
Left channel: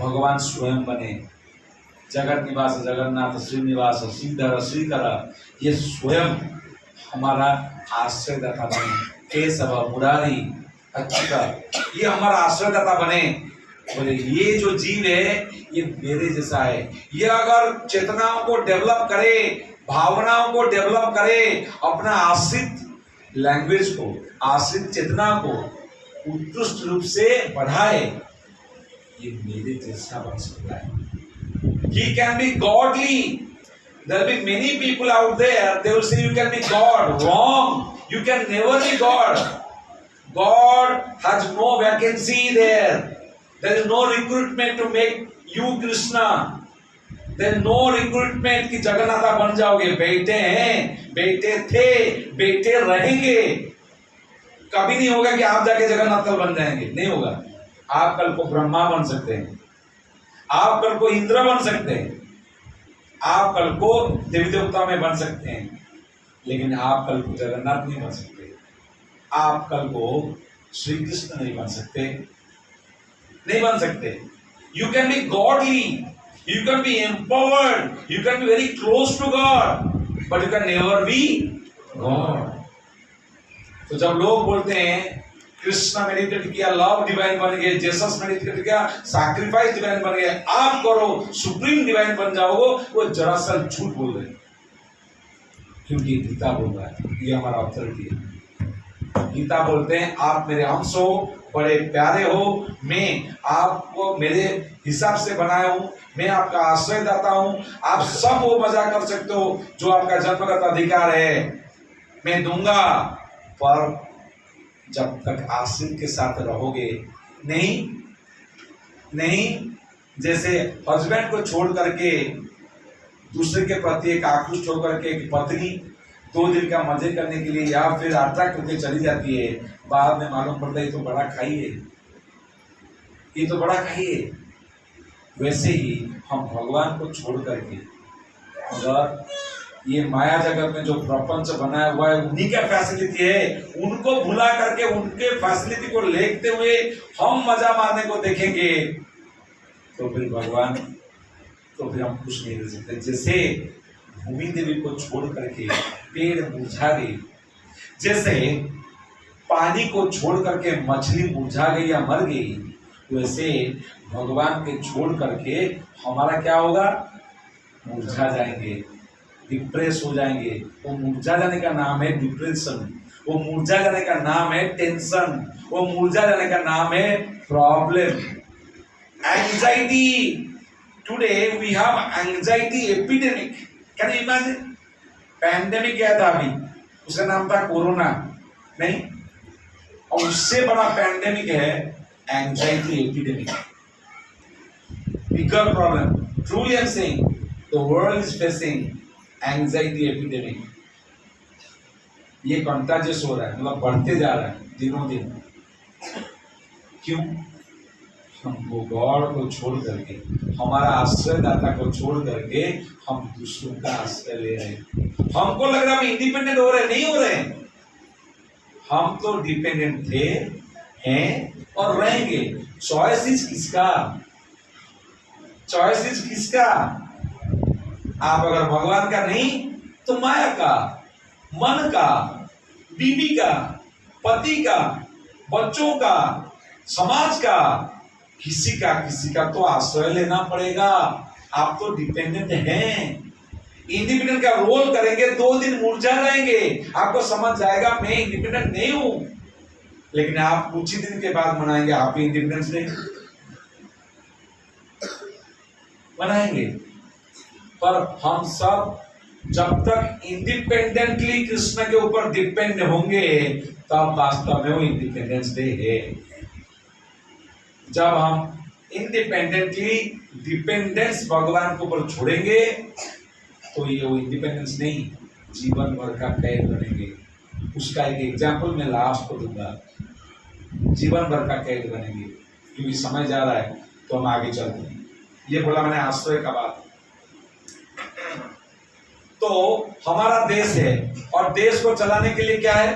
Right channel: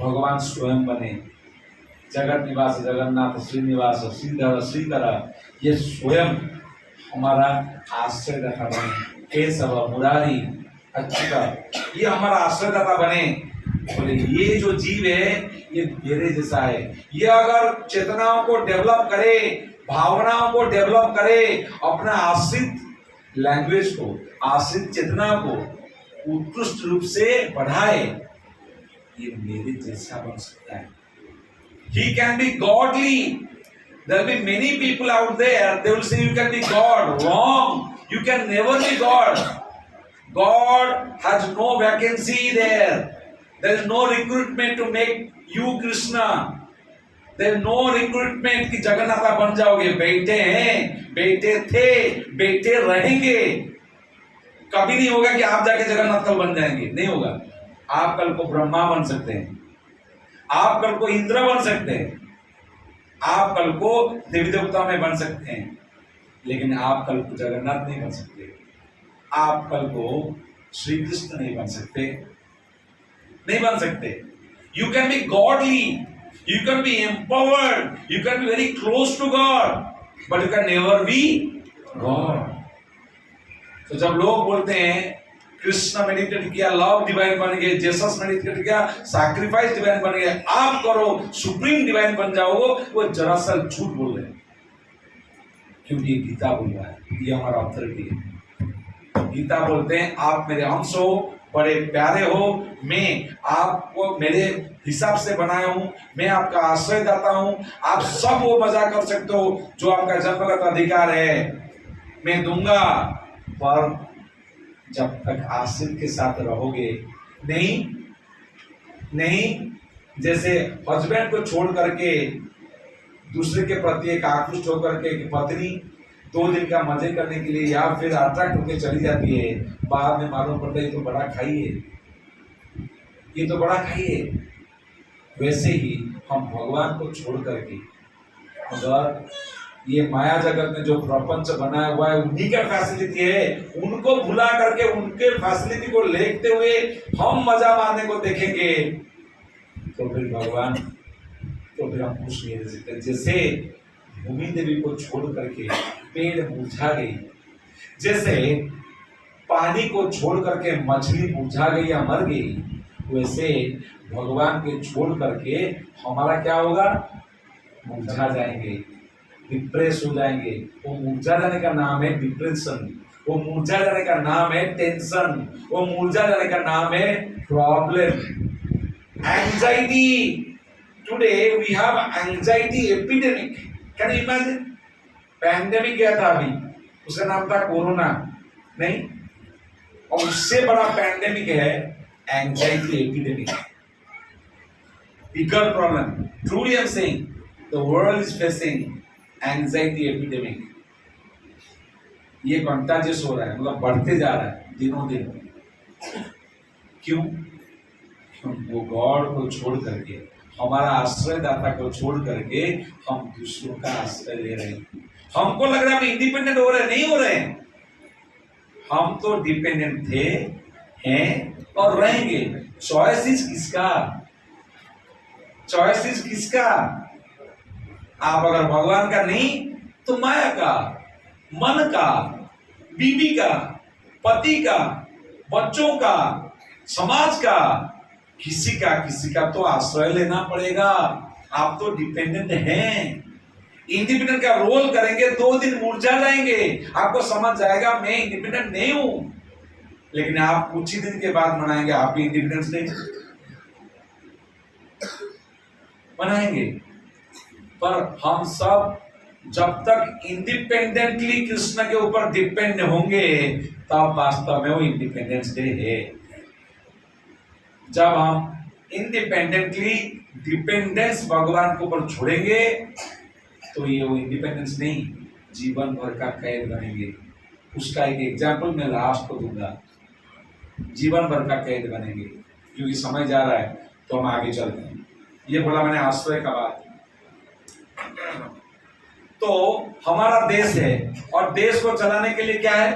भगवान स्वयं बने। जगत निवास जगन्नाथ, श्रीनिवास श्रीधर श्रीकर, ये स्वयं हमारा आश्रयदाता बने। केशव मुरारी अच्युत, ये हमारा आश्रयदाता बने। बोले ये जो जीव है ये मेरे जैसा है, ये अगर चेतनाओं को डेवलप करे, भावनाओं को डेवलप करे, अपना आश्रित लैंग्वेज को, आश्रित चेतना को उत्कृष्ट रूप से बढ़ाए, ये मेरे जैसा बन सकता है। He can be godly. There will be many people out there, they will say you can be God. Wrong. You can never be God. God has no vacancy there. There is no recruitment to make you Krishna. There is no recruitment कि जगन्नाथ बन जाओगे। बेटे हैं, बेटे थे, बेटे रहेंगे। कभी नहीं होगा कि आप जाके जगन्नाथ कल बन जाएंगे, नहीं होगा। आप कल को ब्रह्मा बन सकते हैं, आप कल को इंद्र बन सकते हैं, आप कल को देवी देवताओं में बन सकते हैं, लेकिन आप कल को जगन्नाथ नहीं बन सकते। आप कल को श्री कृष्ण नहीं बन सकते, नहीं बन सकते। You can be godly, you can be empowered, you can be very close to God, but you can never be God. तो जब लोग बोलते हैं कृष्ण मेडिटेट किया, लव डिवाइन बन गए, जेसस मेडिटेट किया, सैक्रिफाइस डिवाइन बन गए, आप करो सुप्रीम डिवाइन बन जाओगे, वो जरा सा झूठ बोल रहे हैं। क्योंकि गीता बोल रहा है, ये हमारा अथॉरिटी है। गीता बोलते हैं आप मेरे अंश हो, बड़े प्यारे हो, मैं आपको मेरे हिसाब से बनाया हूं, मैं आपका आश्रयदाता हूं, आप सब वो मजा कर सकते हो जो आपका जन्मगत अधिकार है, मैं दूंगा। पर जब तक आश्रित के साथ रहोगे, नहीं जैसे हस्बैंड को छोड़ करके दूसरे के प्रति एक आकृष्ट होकर के पत्नी 2 दिन का मजे करने के लिए या फिर अट्रैक्ट होकर चली जाती है, बाद में मालूम पड़ता है ये तो बड़ा खाई है, ये तो बड़ा खाई है। वैसे ही हम भगवान को छोड़ करके अगर ये माया जगत में जो प्रपंच बनाया हुआ है उन्हीं का फैसिलिटी है, उनको भुला करके उनके फैसिलिटी को लेते हुए हम मजा मारने को देखेंगे, तो फिर भगवान, तो फिर हम कुछ नहीं दे सकते। जैसे भूमि देवी को छोड़ करके पेड़ मुरझा गई, जैसे पानी को छोड़ करके मछली मुरझा गई या मर गई, वैसे भगवान के छोड़ करके हमारा क्या होगा? मुरझा जाएंगे, डिप्रेस हो जाएंगे। वो मुरझा जाने का नाम है डिप्रेशन, वो मुरझा जाने का नाम है टेंशन, वो मुरझा जाने का नाम है problem, anxiety. Today we have anxiety epidemic. Can you imagine? Pandemic क्या था अभी, उसका नाम था कोरोना, नहीं? और उससे बड़ा पैंडेमिक है anxiety epidemic, bigger problem. Truly I am saying the world is facing anxiety epidemic. ये कंटाजियस हो रहा है, मतलब बढ़ते जा रहा है दिनों दिन। क्यों? हमको गॉड को छोड़ करके, हमारा आश्रयदाता को छोड़ करके हम दूसरों का आश्रय ले रहे हैं। हमको लग रहा है हम इंडिपेंडेंट हो रहे, नहीं हो रहे हैं। हम तो डिपेंडेंट थे, हैं और रहेंगे। चॉइस इज किसका? चॉइस इज किसका? आप अगर भगवान का नहीं तो माया का, मन का, बीवी का, पति का, बच्चों का, समाज का, किसी का तो आश्रय लेना पड़ेगा। आप तो डिपेंडेंट हैं। इंडिपेंडेंट का रोल करेंगे, 2 दिन मुरझा जाएंगे, आपको समझ जाएगा मैं इंडिपेंडेंट नहीं हूं। लेकिन आप कुछ ही दिन के बाद मनाएंगे हैप्पी इंडिपेंडेंस डे, मनाएंगे। पर हम सब जब तक इंडिपेंडेंटली कृष्ण के ऊपर डिपेंड होंगे तब वास्तव में वो इंडिपेंडेंस डे है। जब हम इंडिपेंडेंटली डिपेंडेंस भगवान के ऊपर छोड़ेंगे तो ये वो इंडिपेंडेंस नहीं, जीवन भर का कैद बनेंगे। उसका एक एग्जाम्पल मैं लास्ट को दूंगा। जीवन भर का कैद बनेंगे। क्योंकि समय जा रहा है तो हम आगे चलते हैं। ये बोला मैंने आश्रय का बात। तो हमारा देश है और देश को चलाने के लिए क्या है?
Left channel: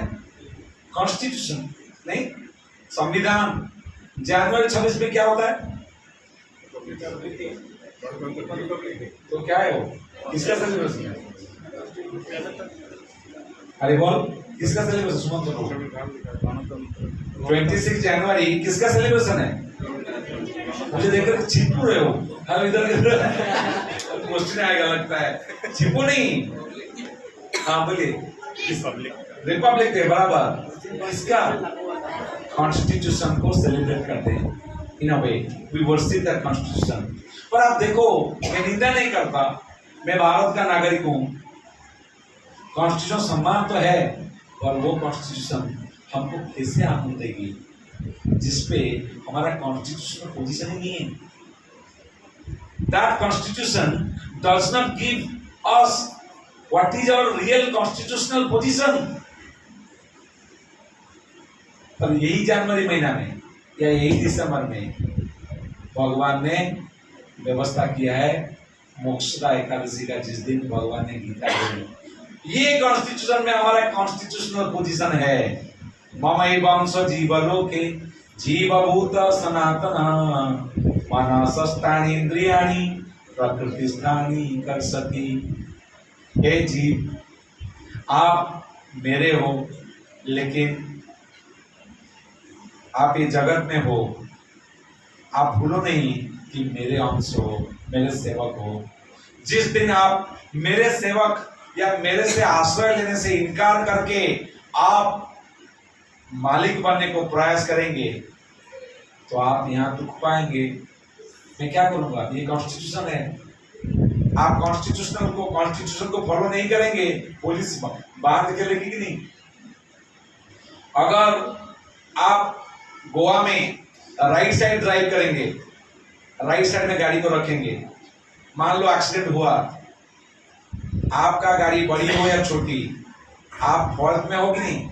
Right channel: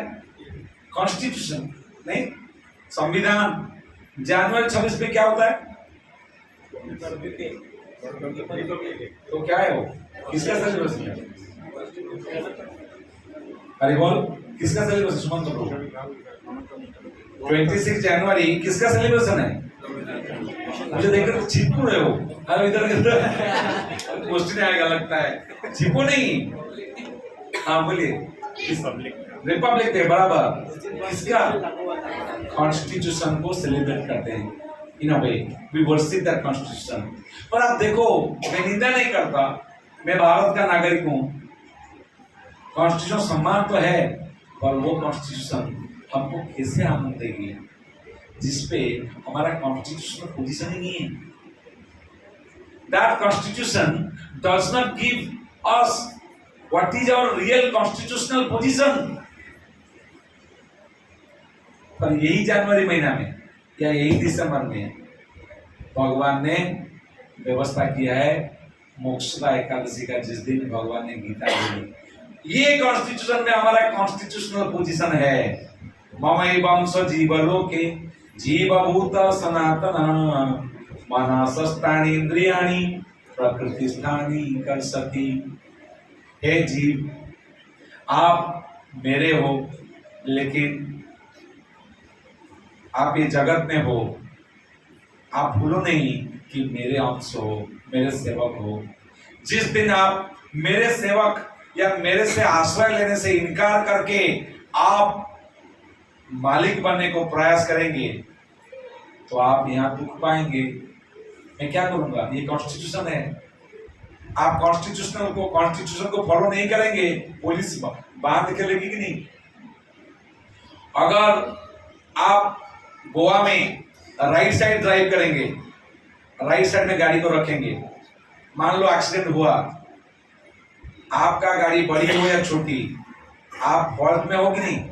कॉन्स्टिट्यूशन, नहीं संविधान। जनवरी 26 में क्या होता है? तो क्या है वो? किसका सेलिब्रेशन है? अरे बोल, किसका सेलिब्रेशन? सुमन तो बोल। 26 जनवरी किसका सेलिब्रेशन है? मुझे देखकर छिपू रहे हो। हाँ, इधर क्वेश्चन आएगा लगता है। छिपो नहीं। हाँ बोलिए। रिपब्लिक डे, बराबर। किसका? कॉन्स्टिट्यूशन को सेलिब्रेट करते हैं। In a way we worship the constitution. पर आप देखो, मैं निंदा नहीं करता, मैं भारत का नागरिक हूं। कॉन्स्टिट्यूशन सम्मान तो है, पर वो कॉन्स्टिट्यूशन हमको कैसे आनंद देगी जिसपे हमारा कॉन्स्टिट्यूशनल पोजीशन ही नहीं है। That constitution does not give us what is our real constitutional position. पर यही जनवरी महीना में या यही दिसंबर में भगवान ने व्यवस्था किया है मोक्षदा एकादशी का, जिस दिन भगवान ने गीता बोली। ये कॉन्स्टिट्यूशन में हमारा कॉन्स्टिट्यूशनल पोजीशन है। मम वंश जीवलोके जीवभूत सनातन मनसस्तानि इंद्रियाणि प्रकृतिस्थानि कर्षति। हे जीव, आप मेरे हो, लेकिन आप ये जगत में हो। आप भूलो नहीं कि मेरे अंश हो, मेरे सेवक हो। जिस दिन आप मेरे सेवक या मेरे से आश्रय लेने से इनकार करके आप मालिक बनने को प्रयास करेंगे तो आप यहाँ दुख पाएंगे। मैं क्या करूंगा? ये कॉन्स्टिट्यूशन है। आप कॉन्स्टिट्यूशन को फॉलो नहीं करेंगे, पुलिस बांध के लेगी कि नहीं? अगर आप गोवा में राइट साइड ड्राइव करेंगे, राइट साइड में गाड़ी को रखेंगे, मान लो एक्सीडेंट हुआ, आपका गाड़ी बड़ी हो या छोटी, आप फॉल्ट में हो कि नहीं?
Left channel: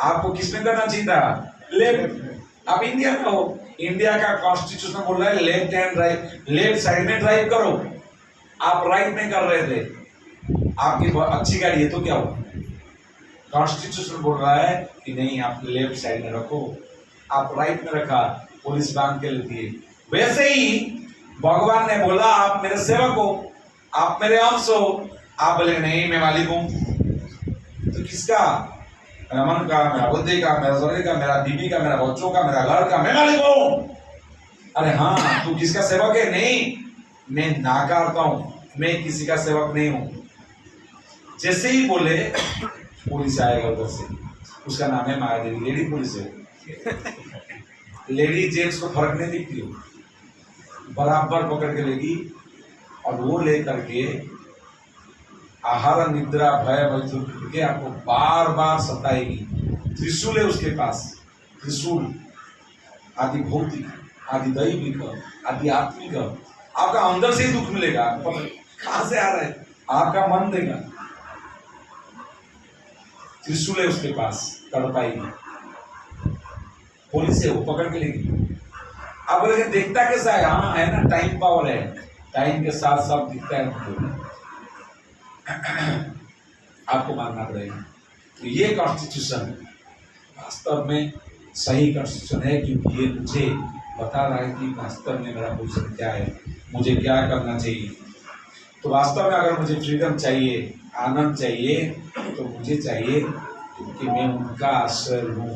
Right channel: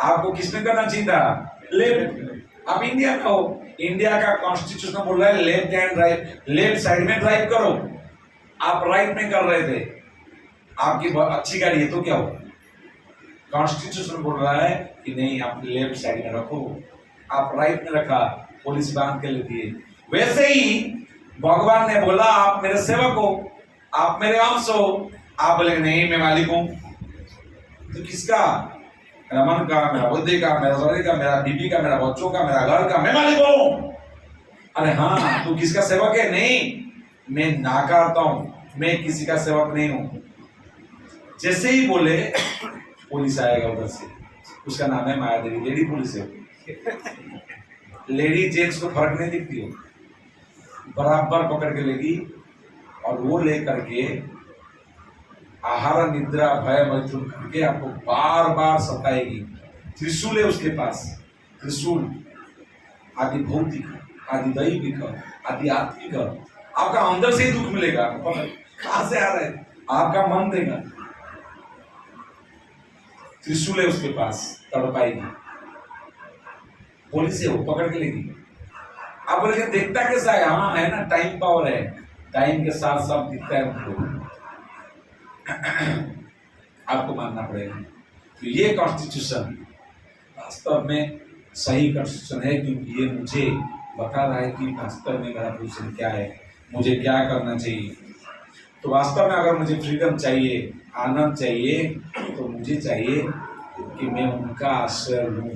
आपको किसमें करना चाहिए था? लेफ्ट। आप इंडिया में हो, इंडिया का कॉन्स्टिट्यूशन बोल रहा है left hand drive, left side में ड्राइव करो। आप राइट में कर रहे थे, आपकी अच्छी गाड़ी है तो क्या हो? कॉन्स्टिट्यूशन बोल रहा है कि नहीं, आप लेफ्ट साइड में रखो। आप राइट में रखा, पुलिस बांध के लेती है। वैसे ही भगवान ने बोला आप मेरे सेवक हो, आप मेरे अंश हो। आप बोले नहीं, मैं मालिक हूं। तो किसका? मेरा मन का, मेरा बुद्धि का, मेरा शरीर का, मेरा बीवी का, मेरा बच्चों का, मेरा घर का, मैं मालिक हूं। अरे हाँ, तू किसका सेवक है? नहीं, मैं नाकारता हूं, मैं किसी का सेवक नहीं हूं। जैसे ही बोले पुलिस आएगा उधर से, उसका नाम है माया देवी, लेडी पुलिस है। लेडी जेंट्स को फर्क नहीं दिखती हो, बराबर पकड़ के लेगी और वो लेकर के आहार निद्रा भय मैथुन करके आपको बार बार सताएगी। त्रिशूल है उसके पास, त्रिशूल आदि भौतिक, आदि दैविक, आदि आत्मिक। आपका अंदर से ही दुख मिलेगा, कहां से आ रहा है? आपका मन देगा। त्रिशूल है उसके पास, तड़पाएगी, पुलिस है वो पकड़ के लेगी। आप बोले देखता कैसा है? हाँ है ना, टाइम पावर है, टाइम के साथ सब दिखता है हमको। आपको मानना पड़ेगा। तो ये कॉन्स्टिट्यूशन वास्तव में सही कॉन्स्टिट्यूशन है, क्योंकि ये मुझे बता रहा है कि वास्तव में मेरा पोजीशन क्या है, मुझे क्या करना चाहिए। तो वास्तव में अगर मुझे फ्रीडम चाहिए, आनंद चाहिए, तो मुझे चाहिए कि मैं उनका आश्रय लूँ।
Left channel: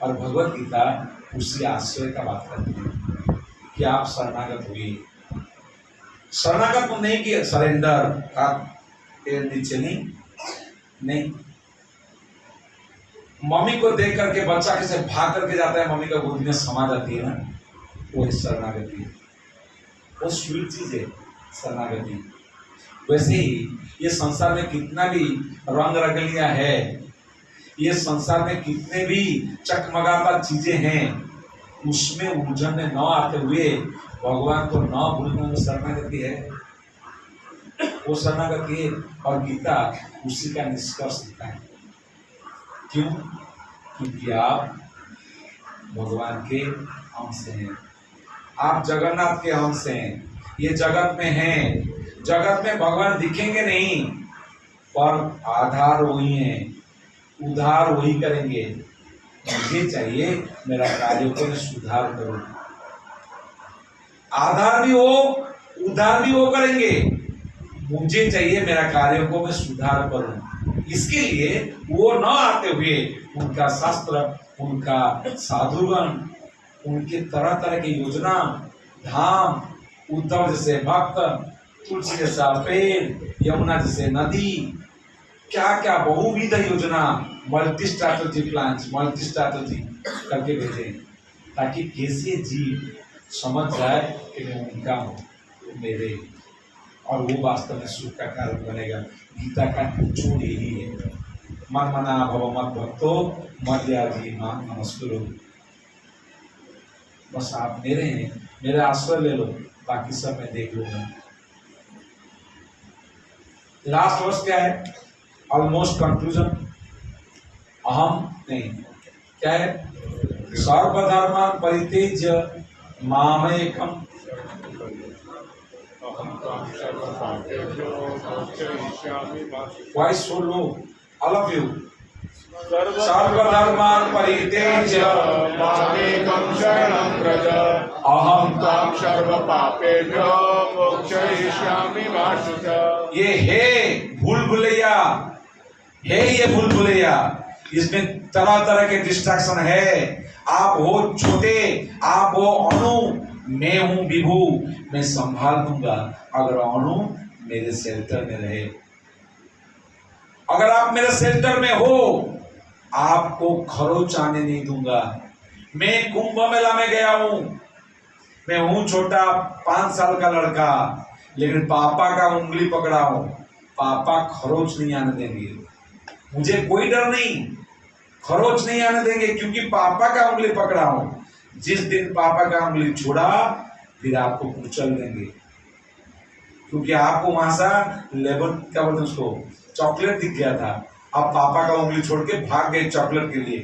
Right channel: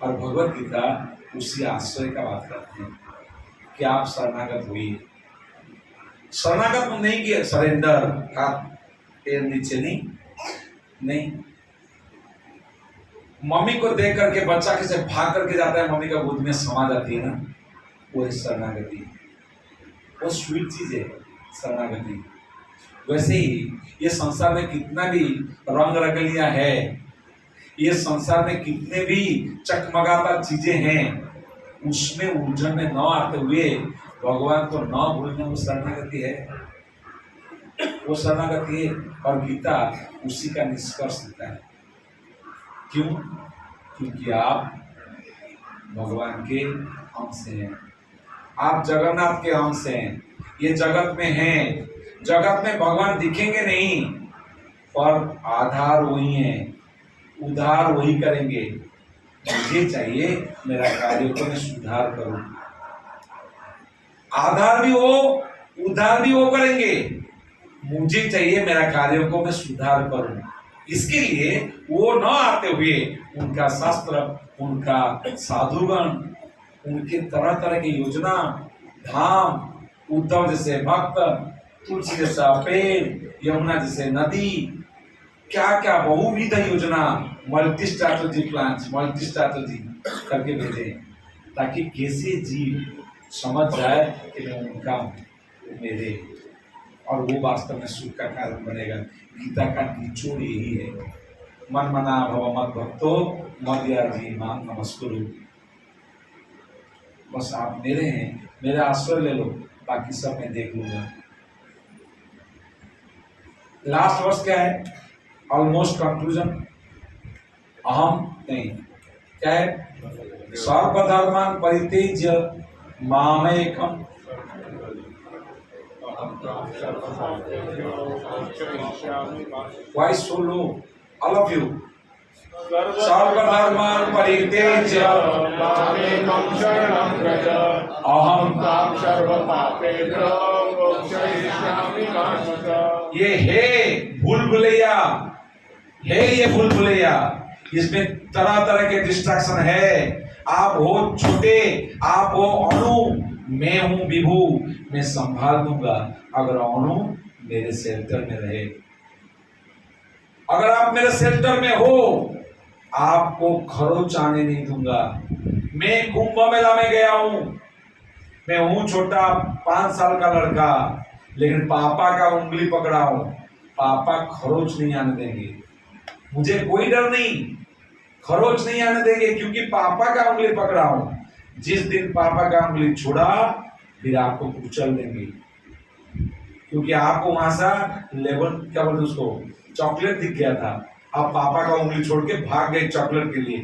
और भगवत गीता उसी आश्रय का बात करते हैं कि आप शरणागत हुई। शरणागत नहीं कि सरेंडर, हाथ पैर नीचे नहीं। मम्मी को देख करके बच्चा कैसे भाग करके जाता है, मम्मी का गोद में समा जाती है ना, वो है शरणागति। वो स्वीट चीज है शरणागति। वैसे ही ये संसार में कितना भी रंग रंगलियां है, ये संसार में कितने भी चकमगाता चीजें हैं, उसमें उलझन में न आते हुए भगवान को न भूलना, वो शरणागति है, वो शरणागति है। और गीता उसी का निष्कर्ष देता है। क्यों? क्योंकि आप भगवान के अंश हैं, आप जगन्नाथ के अंश हैं, ये जगत में हैं। जगत में भगवान दिखेंगे नहीं, पर आधार वही है, उधार वही करेंगे। मुझे चाहिए मेरा कार्यों को मैं सुधार करूं, आधार भी वो, उधार भी वो करेंगे। मुझे चाहिए मेरा कार्यों को मैं सुधार करूं। इसके लिए वो न आते हुए उनका शास्त्र, उनका साधुगण, उनके तरह तरह की योजना, धाम, उद्धव जैसे भक्त, तुलसी जैसा पेड़, यमुना जैसे नदी, क्या क्या बहुविध योजना, multi strategy plans, multi strategy करके भेजे, ताकि कैसे जीव समझ जाए कि मैं उनका हूँ, वो मेरे, और वो वास्तव में सुख का कारण बनेगा। गीता का निचोड़ यही है, मन मना भव मत भक्तो मर्यादी मां नमस्कुरु। बस आप मेरे हैं, मेरा आश्रय ले लो, बाकी सब मैं देख लूंगा। लास्ट वर्ष क्या है? Almost conclusion. अहम नहीं, क्या है? सर्वधर्मान् परित्यज्य मामेकम। Why so low? All of you. सर्वधर्मान् परित्यज्य मामेकं शरणं व्रज अहं त्वां सर्वपापेभ्यो मोक्षयिष्यामि मा शुचः। ये है भूल भुलैया, है ये भूल भुलैया। इसमें तरह तरह के डिस्ट्रैक्शन है। आप हो छोटे, आप हो अणु, मैं हूं विभू, मैं संभाल दूंगा अगर अणु मेरे शेल्टर में रहे। अगर आप मेरे शेल्टर में हो, आपको खरोच आने नहीं दूंगा। मैं कुंभ मेला में गया हूं, मैं हूं छोटा 5 साल का लड़का, लेकिन पापा का उंगली पकड़ा हूं, पापा खरोच नहीं आने देंगे। मुझे कोई डर नहीं, खरोच नहीं आने देंगे, क्योंकि पापा का उंगली पकड़ा हूं। जिस दिन पापा का उंगली छोड़ा, फिर आपको कुचल देंगे, क्योंकि आपको वहां सा लेबर, क्या बोलते उसको, चॉकलेट दिख गया था। आप पापा का उंगली छोड़ के भाग गए चॉकलेट के लिए,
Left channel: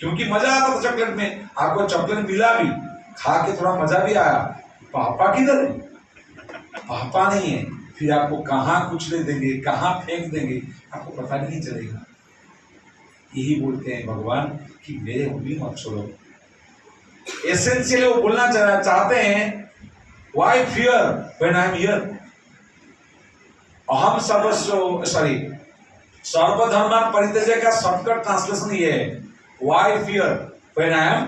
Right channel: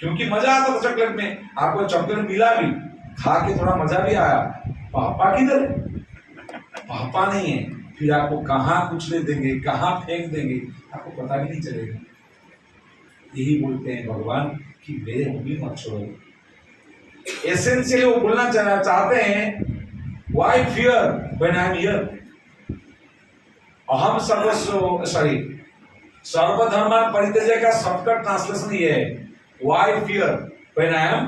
क्योंकि मजा आता था चॉकलेट में। आपको चॉकलेट मिला भी, खा के थोड़ा मजा भी आया। पापा किधर है? पापा नहीं है, फिर आपको कहाँ कुचले देंगे, कहाँ फेंक देंगे, आपको पता भी नहीं चलेगा। यही बोलते हैं भगवान कि मेरे उंगली मत छोड़ो। एसेंशियली वो बोलना चाहते हैं, why fear when I am here. अहम सर्वस्व, सॉरी, सर्वधर्मान् परित्यज्य का शॉर्टकट ट्रांसलेशन ये है, why fear when I am.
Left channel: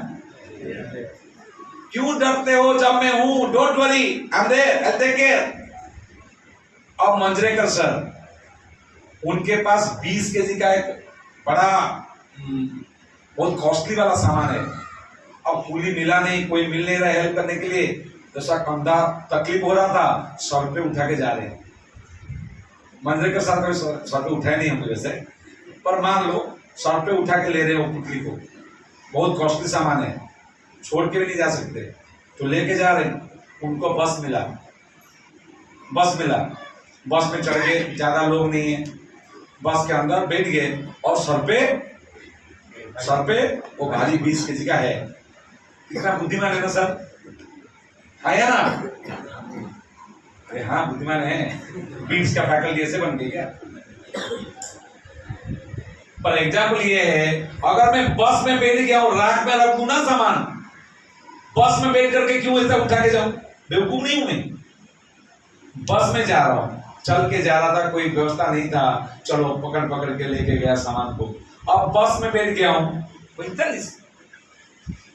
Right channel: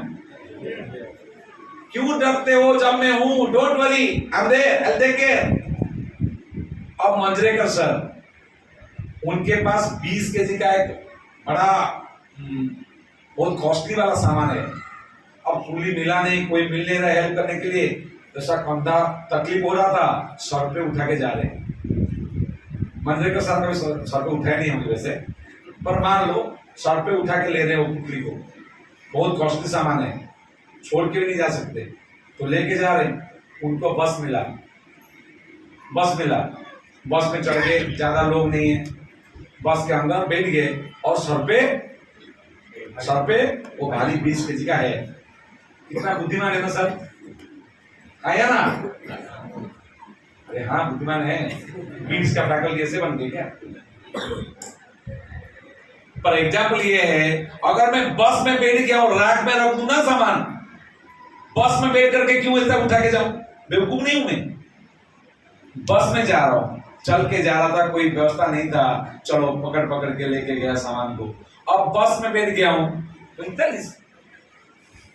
क्यों डरते हो जब मैं हूं? Don't worry, I am there, I take care. अब मंजरेकर सर, उनके पास 20 केजी का एक बड़ा बहुत कॉस्टली वाला सामान है। अब कुली मिला नहीं, कोई मिल नहीं रहा हेल्प करने के लिए, जैसा कंधा तकलीफ हो रहा था, सर पे उठा के जा रहे हैं। मंजरेकर सर पे सर पे उठाए नहीं होंगे वैसे, पर मान लो सर पे उठा के ले रहे हो पुतली को, बहुत कॉस्टली सामान है, छोड़ के भी नहीं जा सकते, तो लेके जा रहे हैं। उनको बस मिला, बस में चढ़ के, ज्यादा लोग नहीं है, बस के अंदर बैठ गए और सर पे वो भारी 20 kg का है। कितना बुद्धिमान है ना सर, आया ना? अरे हाँ बुद्धिमान है, 20 का फैकल्टी ऐसे बन गई क्या? पर एग्जाम्पल ये है, अगर मैं बस में बैठ गया और रैक में रख दूं ना सामान, बस में बैठ करके क्यों ऐसा उठा के जाऊं? बेवकूफ नहीं हूं मैं। बस में जा रहा हूं, चल के जा रहा था, कोई व्यवस्था नहीं था, चलो पकड़ पकड़ के लेके गया सामान को। अब बस में बैठ गया हूं, 45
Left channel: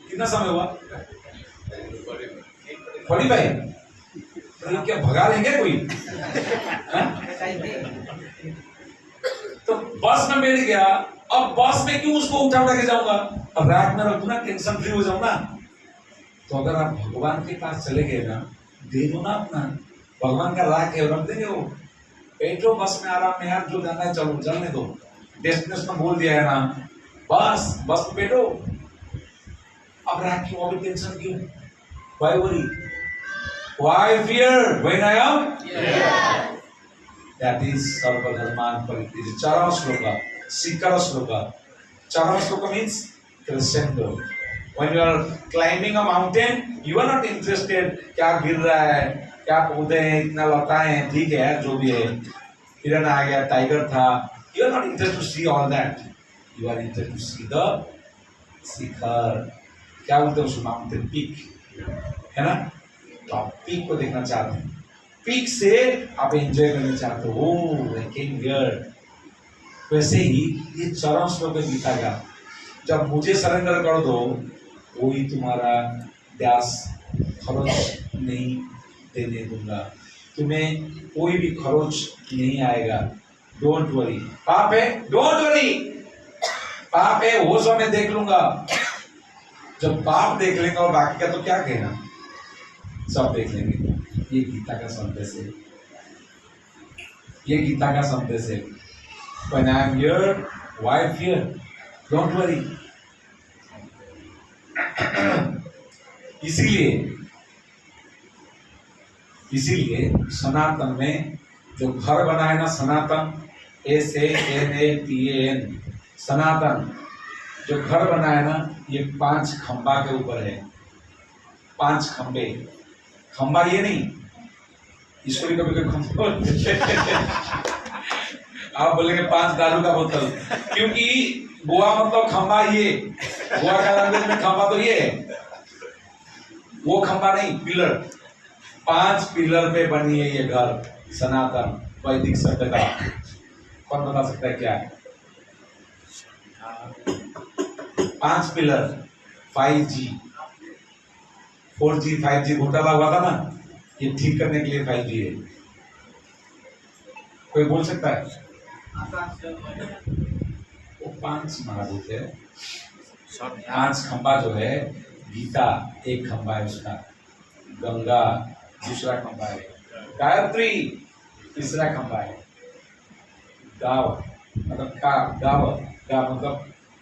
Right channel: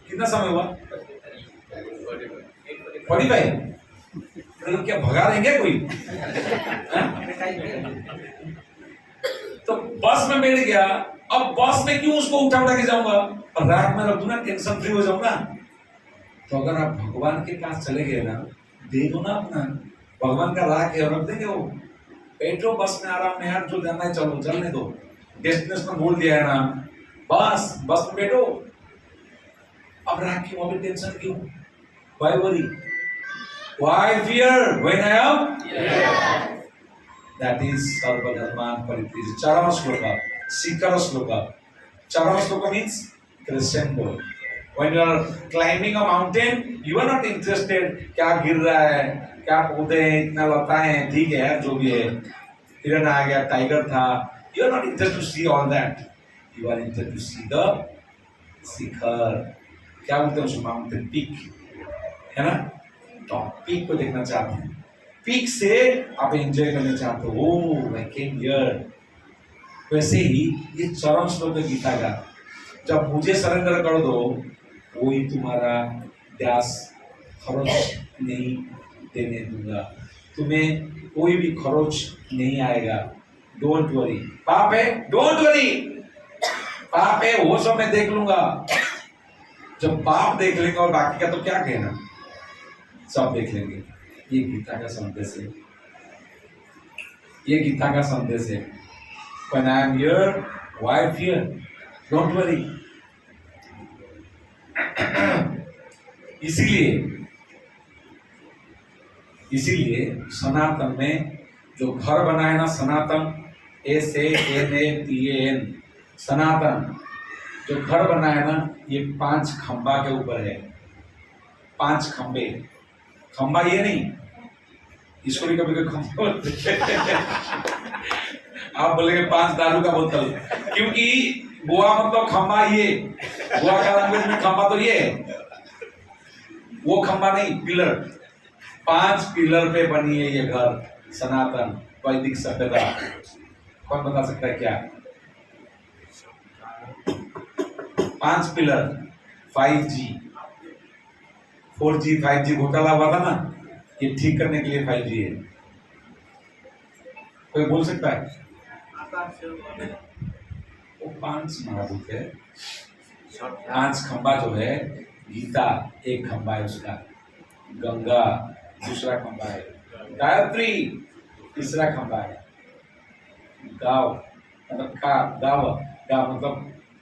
कितना समय हुआ? 45। क्या भगा देंगे कोई? तो बस में बैठ गया, अब बस में क्यों उसको उठा उठा के जाऊंगा? और रैक में रख दूं ना, टेंशन फ्री हो जाऊं ना। तो अगर आप भगवान के पास चले गए ना, दे दो ना अपना, भगवान का रैक है, रख देंगे वो। बैठो बस में आराम में, यार जो जाना है चलो चलने दो, डेस्टिनेशन बोल दिया है ना, बस में बैठो। अब रैक क्यों, अभी टेंशन क्यों? Why worry? Why fear when I am? That is Sarvadharman Parityaj. Charama Shloka, Sikara Shloka. Charama Shloka means crescendo. When you are climbing a mountain, you are not interested क्या गिर रहा है, क्या पौधे हैं, इतना लताएं हैं, ठीक है यार जो भी है, हिरन आ गया, टाइगर था, you are not interested to see all that. You are interested to see the शिखर, क्या बोलते हैं उसको, माउंटेन पीक है ना, टॉप पीक को देखना चाहते हैं, पीक से आप एंजॉय करना चाहते हो, ओह आई केम हियर। वैसे ही ये चरम श्लोक है गीता का, जब मुझे सरेंडर कर दो, कोई तुम्हारा ध्यास खरोच नहीं देने दूंगा, तुम्हें कोई भी खरोच नहीं आएगा। डोंट वरी, पाप है डोंट वरी, पाप है वो सब मैं देख लूंगा। जब पाप देख लेंगे और बाकी का तो क्या कहना, सब देख लेंगे। ये गीता का संदेश है, ये गीता का संदेश है। When I am here, why fear? Don't worry. इसीलिए सनातन में जो घर बना है ना, सनातन SANATAN, सनातन जो घर बना है ना, ये 5 खंबा के ऊपर है। 5 खंबे, खंबा ये नहीं, ईश्वरी कभी खंबा आप बोलेंगे 5 दारू का बोतल, क्योंकि गोवा मतलब खंबा, ये गोवा का लैंग्वेज में खंबा तो ये है, वो खंबा नहीं, पिलर। 5 पिलर पे बनी है ये घर, सनातन वैदिक सभ्यता। कौन बता सकता है क्या? 5 पिलर, 5G, 4G 5G घोटाला हुआ था ना, ये ठीक करने के लिए 5G है। कोई बोल सकता है? वो 5 महाभूत है, 5 खंबा जो है, गीता एक खंबा है उसका, गंगा दूसरा खंबा है, गायत्री तीसरा खंबा है, गाव मतलब गाव मतलब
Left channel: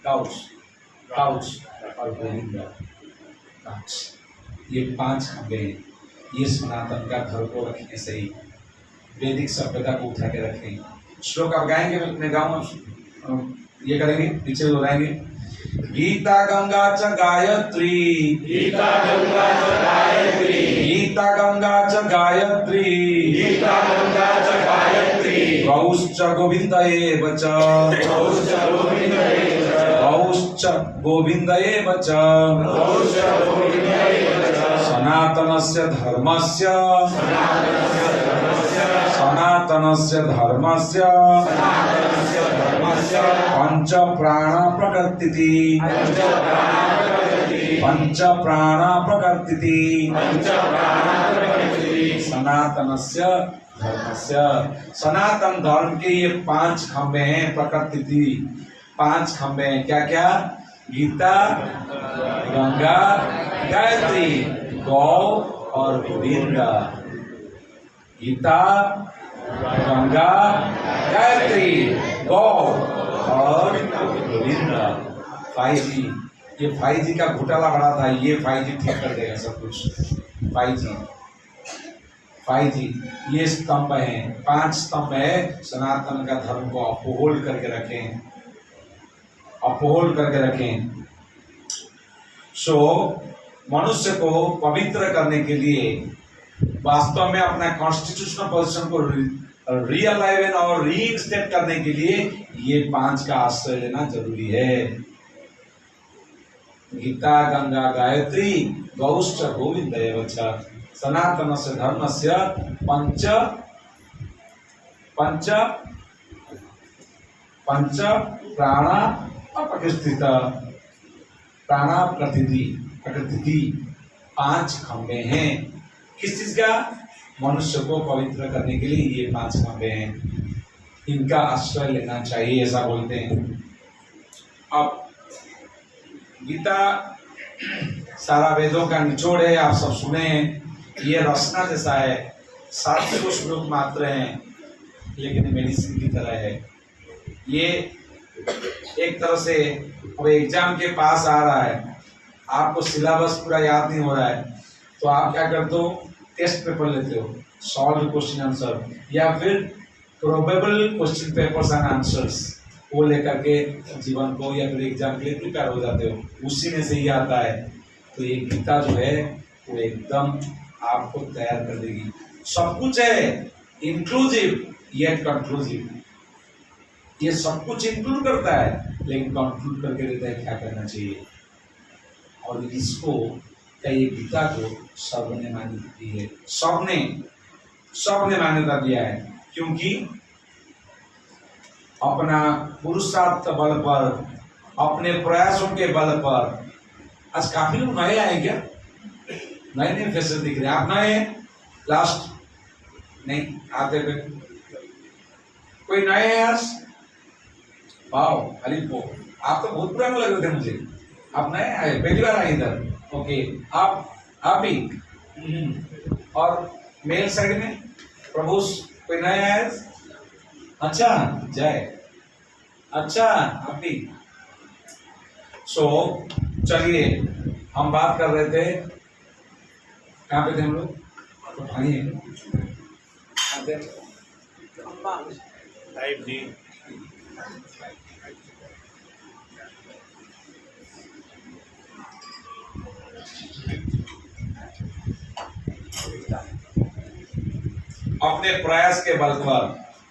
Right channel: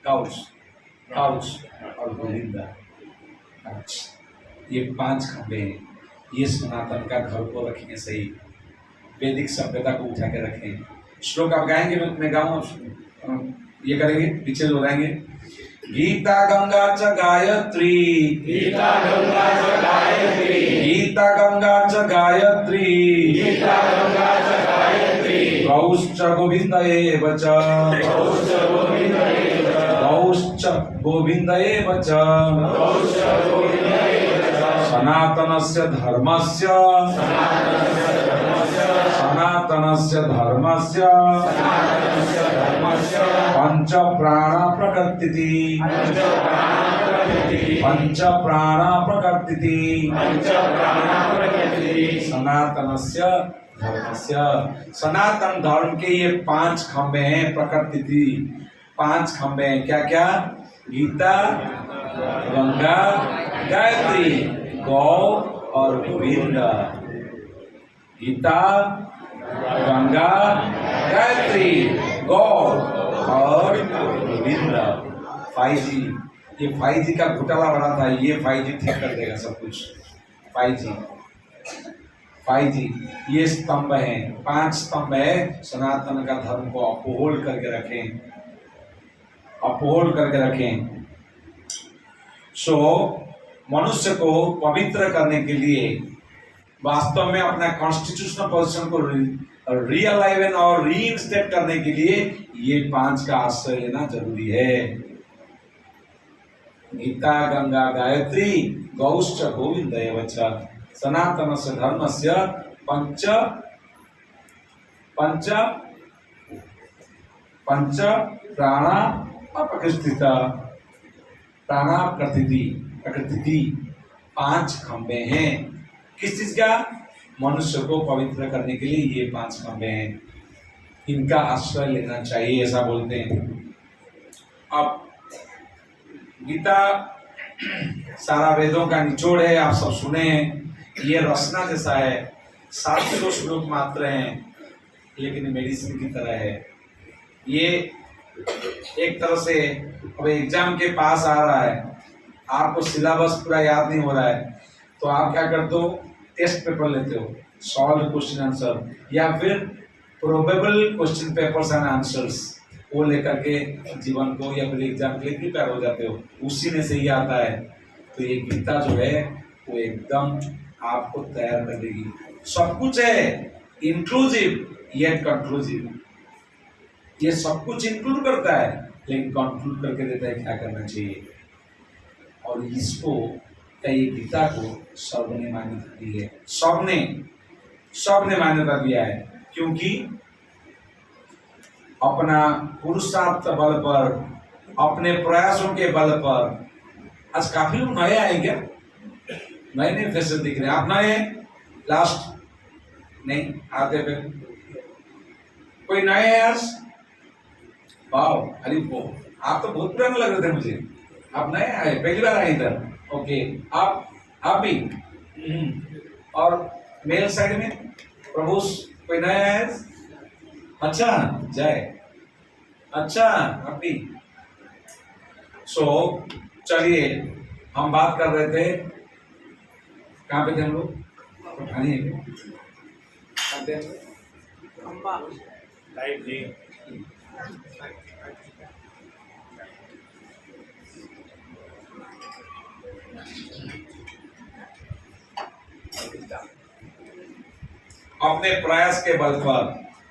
काउच और गोविंदा, ये 5 खंबे हैं। ये सनातन का घर को रखेंगे सही, वैदिक सभ्यता को उठा के रखें। श्लोक आप गाएंगे, मैं गाऊंगा, ये करेंगे, पीछे दोहराएंगे। गीता गंगा च गायत्री, गीता गंगा च गायत्री, गीता गंगा च गायत्री, गीता गंगा च गायत्री, गौश्च गोविंद एव च, गौश्च गोविंद एव च, गौश्च गोविंद एव च, गौश्च गोविंद एव च, सनातनस्य धर्मस्य, सनातनस्य धर्मस्य पंच प्राण प्रकृति, पंच प्राण प्रकृति, सनातनस्य धर्मस्य। सनातन धर्म के ये 5 खंबे हैं, प्रकृति 5 खंबे हैं, क्या क्या? गीता, गंगा, गायत्री, गौ और गोविंद। गीता, गंगा, गायत्री, गौ और गोविंद। 5G, ये 5G का घोटाला बड़ा था, ये 5G ठीक कर देगा सब कुछ। 5G भाई जी, ये स्तंभ हैं, 5 स्तंभ है सनातन का धर्म को अपहोल्ड करके रखें, अपहोल्ड करके रखें। सो मनुष्य को पवित्र करने के लिए वास्तव में अपना कॉन्स्टिट्यूशनल पोजीशन को रियलाइव और रीइंस्टेट करने के लिए ये 5 का आश्रय लेना जरूरी है। गीता, गंगा, गायत्री, गौश्च गोविंदयव च सनातनस्य धर्मस्य पंच पंच पंच प्राणा अपकृष्टित प्राणा प्रकृति 5 खंबे हैं। किस चीज का? मनुष्य को पवित्र करने के लिए ये 5 खंबे हैं, इनका आश्रय लेना चाहिए, ऐसा बोलते हैं। अब गीता सारा वेदों का निचोड़ है, आप सब सुने हैं। ये रचना जैसा है, 700 श्लोक मात्र हैं, लेकिन मेडिसिन की तरह है। ये एक तरह से अब एग्जाम के पास आ रहा है, आपको सिलेबस पूरा याद नहीं हो रहा है, तो आप क्या करते हो? टेस्ट पेपर लेते हो, सॉल्व क्वेश्चन आंसर, या फिर probable question papers and answers, वो लेकर के जीवन को या फिर एग्जाम के लिए प्रिपेयर हो जाते हो, उसी में से ही आता है। तो ये गीता जो है वो एकदम आपको तैयार कर देगी। सब कुछ है, इंक्लूसिव येट कंक्लूसिव, ये सब कुछ इंक्लूड करता है, लेकिन कंक्लूड करके देता है क्या करना चाहिए। और इसको ये गीता को सबने मान्यता दी है, सबने मान्यता दिया है, क्योंकि अपना पुरुषार्थ बल पर, अपने प्रयासों के बल पर। आज काफी लोग नए आए क्या? नए फेसेस दिख रहे हैं। आप नए हैं? लास्ट नहीं आते पे कोई नए हैं आज? वाओ, अरे वो आप तो बहुत पुराने लग रहे थे मुझे, आप नए आए, पहली बार आए इधर। ओके, आप भी और मेल साइड में प्रभुष कोई नया आए? अच्छा, जाए, अच्छा आप भी। सो चलिए, हम बात कर रहे थे, कहाँ पे थे हम लोग? कहानी है कहाँ थे? लाइव जी। अपने प्रयास के बल पर,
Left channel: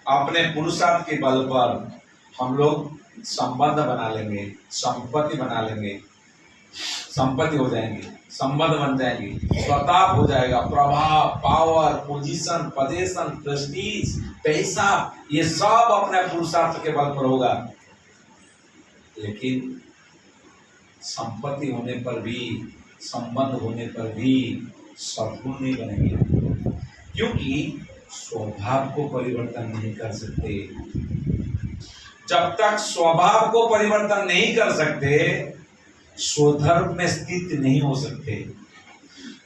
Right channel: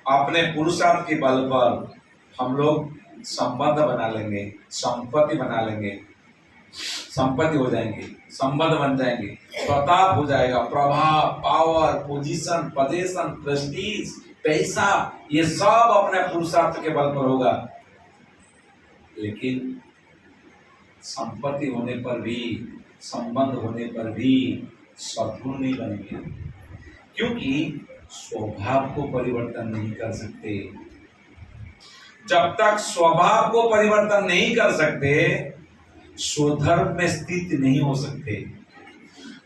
अपने पुरुषार्थ के बल पर हम लोग संबंध बना लेंगे, संपत्ति बना लेंगे, संपत्ति हो जाएंगे, संबंध बन जाएंगे, प्रताप हो जाएगा, प्रभाव, पावर, पोजीशन, पोजीशन, प्रेस्टीज, पैसा, ये सब अपने पुरुषार्थ के बल पर होगा। लेकिन संपत्ति होने पर भी, संबंध होने पर भी सद्गुण नहीं बनेंगे, क्योंकि स्वभाव को परिवर्तन नहीं कर सकते। जब तक स्वभाव को परिवर्तन नहीं कर सकते, स्वधर्म में स्थित नहीं हो सकते।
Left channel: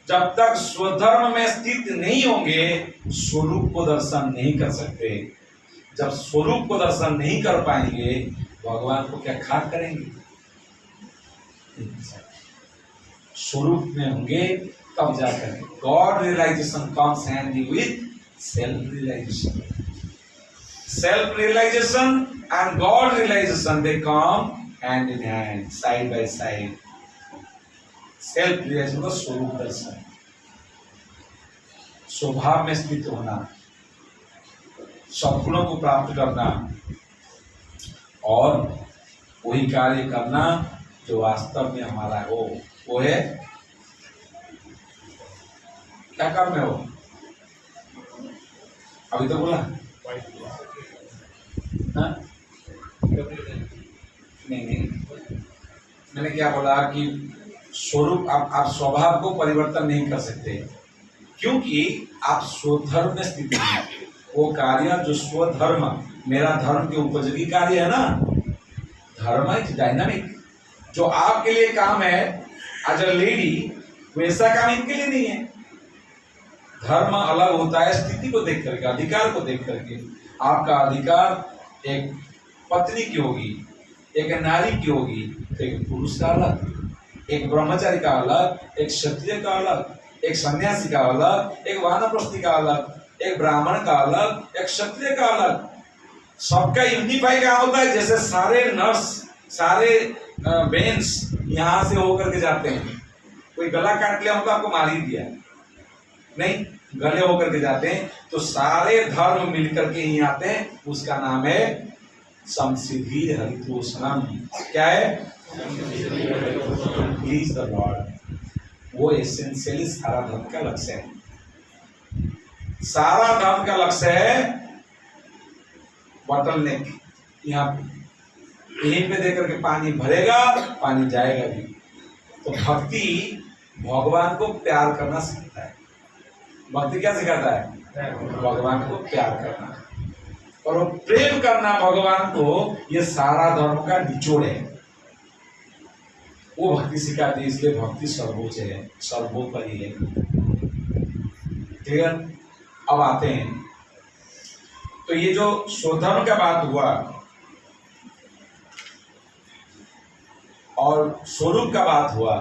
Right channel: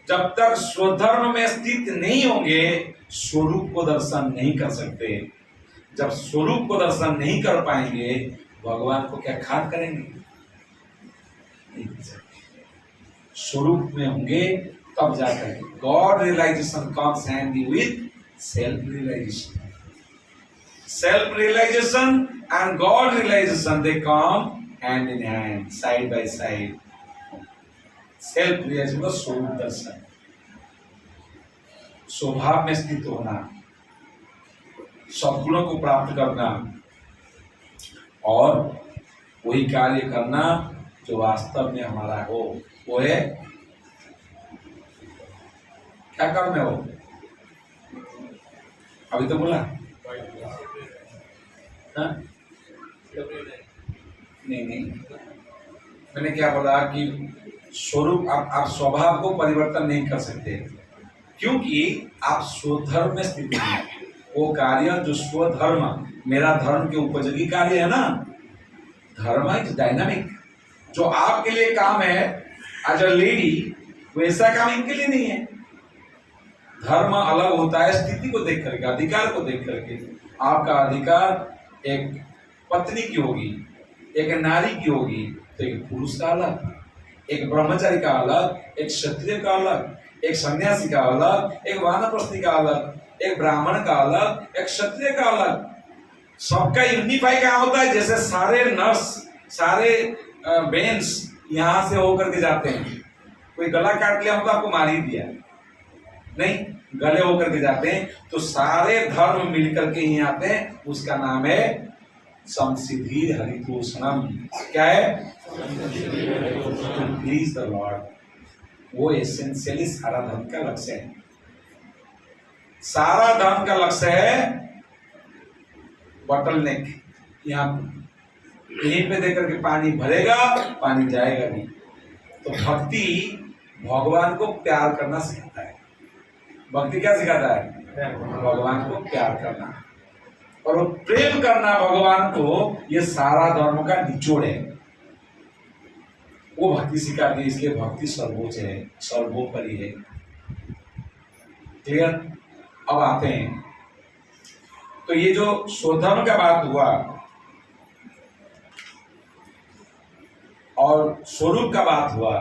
जब तक स्वधर्म में स्थित नहीं होंगे, स्वरूप को दर्शन नहीं कर सकते। जब स्वरूप को दर्शन नहीं कर पाएंगे, भगवान को क्या खाक करेंगे? स्वरूप में होंगे तब जाकर God realization comes hand with self realization. Self realization and God realization, they come hand in hand, side by side. Self realization का स्वरूप दर्शन, स्वभाव में स्थित होना, सद्गुणों को प्राप्त करना और वही कार्य करना जो वास्तव में हमारा हो। वो है क्या कर्म है वो? अभी तो बोला हाँ? नहीं, मैंने क्या बोला कि स्वरूप, आप स्वभाव को परिवर्तन नहीं कर सकते, क्योंकि आप स्वधर्म में स्थित हैं। वो कार्य जो स्वधर्म, मेरा धर्म के उपयोगी कार्य है ना, धर्म इज डायनामिक। जो आपके लिए काम है एज अ लेडी, वैसा काम इनके लिए नहीं है। धर्म अलग होता है स्थिति को देख करके, अधिकार को देख करके। आपका अधिकार एक पत्नी की होगी, एक नारी की होगी, तो एक पुरुष का अलग, एक ब्रह्मचारी का अलग, एक क्षत्रिय का अलग, एक सन्यासी का अलग, एक वानप्रस्थी का अलग, एक ब्राह्मण का अलग, एक क्षत्रिय का अलग। सबका यूनिफाई क्या होता है? जैसे सारे नर्स, सारे वेन्स यहां से होकर के जाते हैं। कोई गला काट लिया मतलब आपको मार ही दिया, नहीं, गले होकर के जाते हैं। तो सारे धर्म मिलकर के ही आते हैं, उसका नाम है संसिद्धि हरितोषणम। क्या है? Please the Lord. वो एसेंशियली सारा धर्म का लक्ष्य है। सारा धर्म का लक्ष्य है बॉटल नेक, यहाँ यहीं पे देकर के पानी भरेगा, पानी जाएगा भी। तो भक्ति भगवान को प्यार करना सिखाता है। भक्ति क्या सिखाता है? भगवान को प्यार करना, और वो प्रेम करना भगवान को, ये सारा धर्म का निचोड़ है। वो भक्ति सिखाती है, इसलिए भक्ति सर्वोच्च है, सर्वोपरि है। क्लियर? अब आते हैं, तो ये जो स्वधर्म का बात हुआ और स्वरूप का बात हुआ,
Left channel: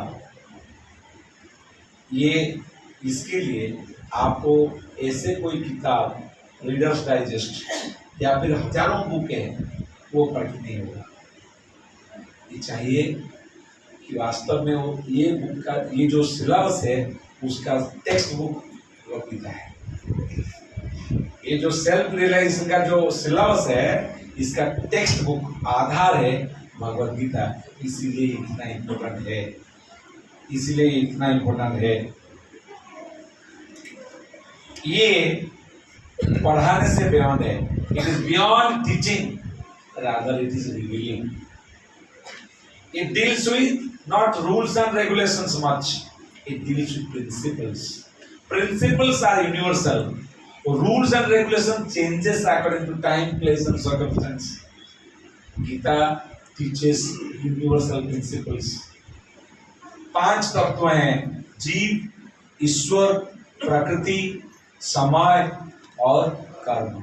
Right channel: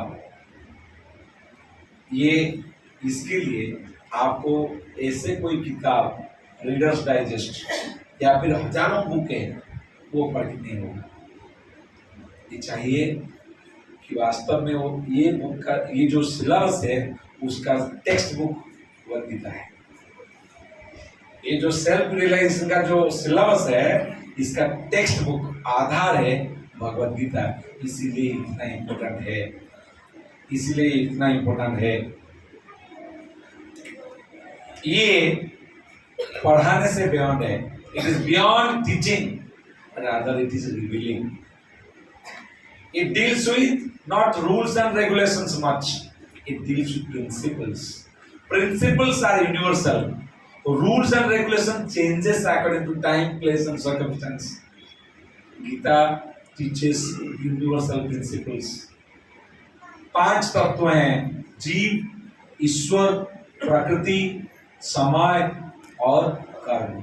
ये इसके लिए आपको ऐसे कोई किताब, रीडर्स डाइजेस्ट या फिर हजारों बुक है, वो पढ़ के नहीं होगा। ये चाहिए कि वास्तव में वो ये बुक का, ये जो सिलेबस है उसका टेक्स्ट बुक भगवद गीता है। ये जो सेल्फ रियलाइजेशन का जो सिलेबस है, इसका टेक्स्ट बुक आधार है भगवद गीता। इसीलिए इतना इम्पोर्टेंट है, इसीलिए इतना इम्पोर्टेंट है। ये पढ़ाने से बियॉन्ड है। It is beyond teaching, rather it is revealing. It deals with not rules and regulations much. It deals with principles. Principles are universal. Rules and regulations changes according to time, place and circumstance. Gita teaches universal principles. 5 तत्व हैं: जीव, ईश्वर, प्रकृति, समय और कर्म।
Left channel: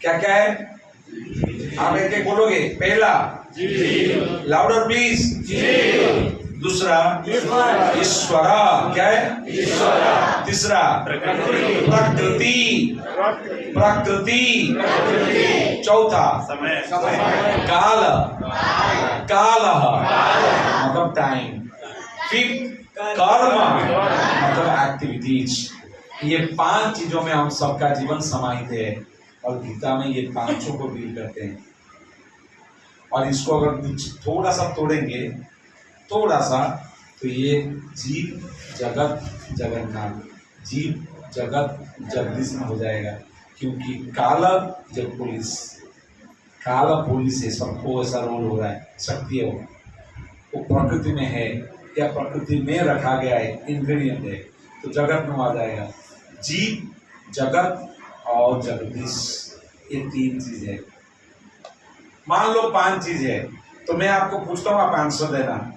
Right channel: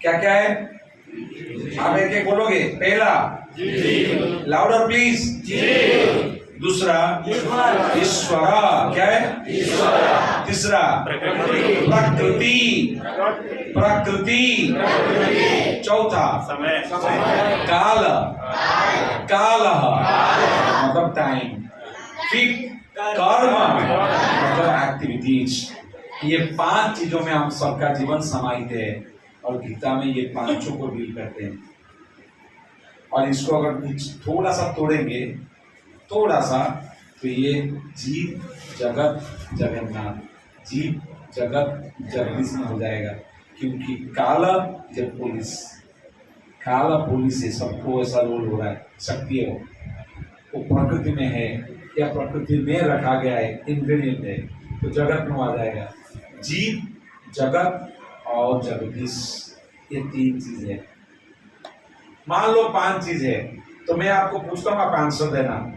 क्या क्या है? आप एक एक बोलोगे। पहला, लाउडर प्लीज। दूसरा, ईश्वर। क्या है? तीसरा, प्रकृति। चौथा, काल। मतलब टाइम। फिफ्थ, कर्म मतलब एक्टिविटीज। ये 5 चीजों में हम सबका जीवन समाहित है, और गीता में ये 5 को डील करते हैं। और इसको अगर थोड़ा सा तोड़ेंगे, थोड़ा सा, तो ये जीव जगत जगन्नाथ, जीव जगत जगदीश में हो जाएगा। क्योंकि काल जब पुलिस, काल पुलिस है, सबको ऐसा रोल हो रहा है, शक्ति है वो प्रकृति में है या प्रकृति में रखा गया है, इंग्रेडिएंट है, तो जगत में आ जाएगा। जीव, जगत और जगदीश, ये 3 चीज है। मान लो 5 चीज है, तो मैं आपको पूछता हूं, आप आंसर देना।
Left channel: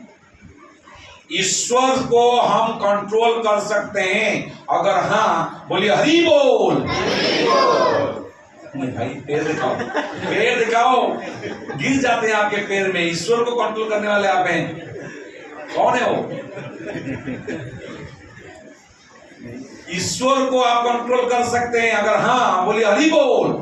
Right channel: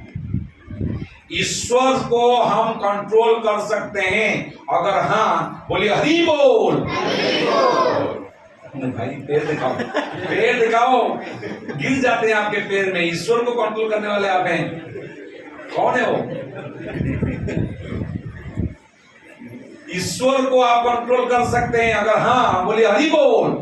ईश्वर को हम कंट्रोल कर सकते हैं? अगर हाँ, बोलिए हरि बोल। नहीं भाई, पैर दिखाओ, पैर दिखाओ, गिर जाते हैं आपके पैर में। ईश्वर को कंट्रोल करने वाले आप हैं, कौन है वो? ईश्वर को आप कंट्रोल कर सकते हैं? अगर हाँ, बोलिए हरि बोल।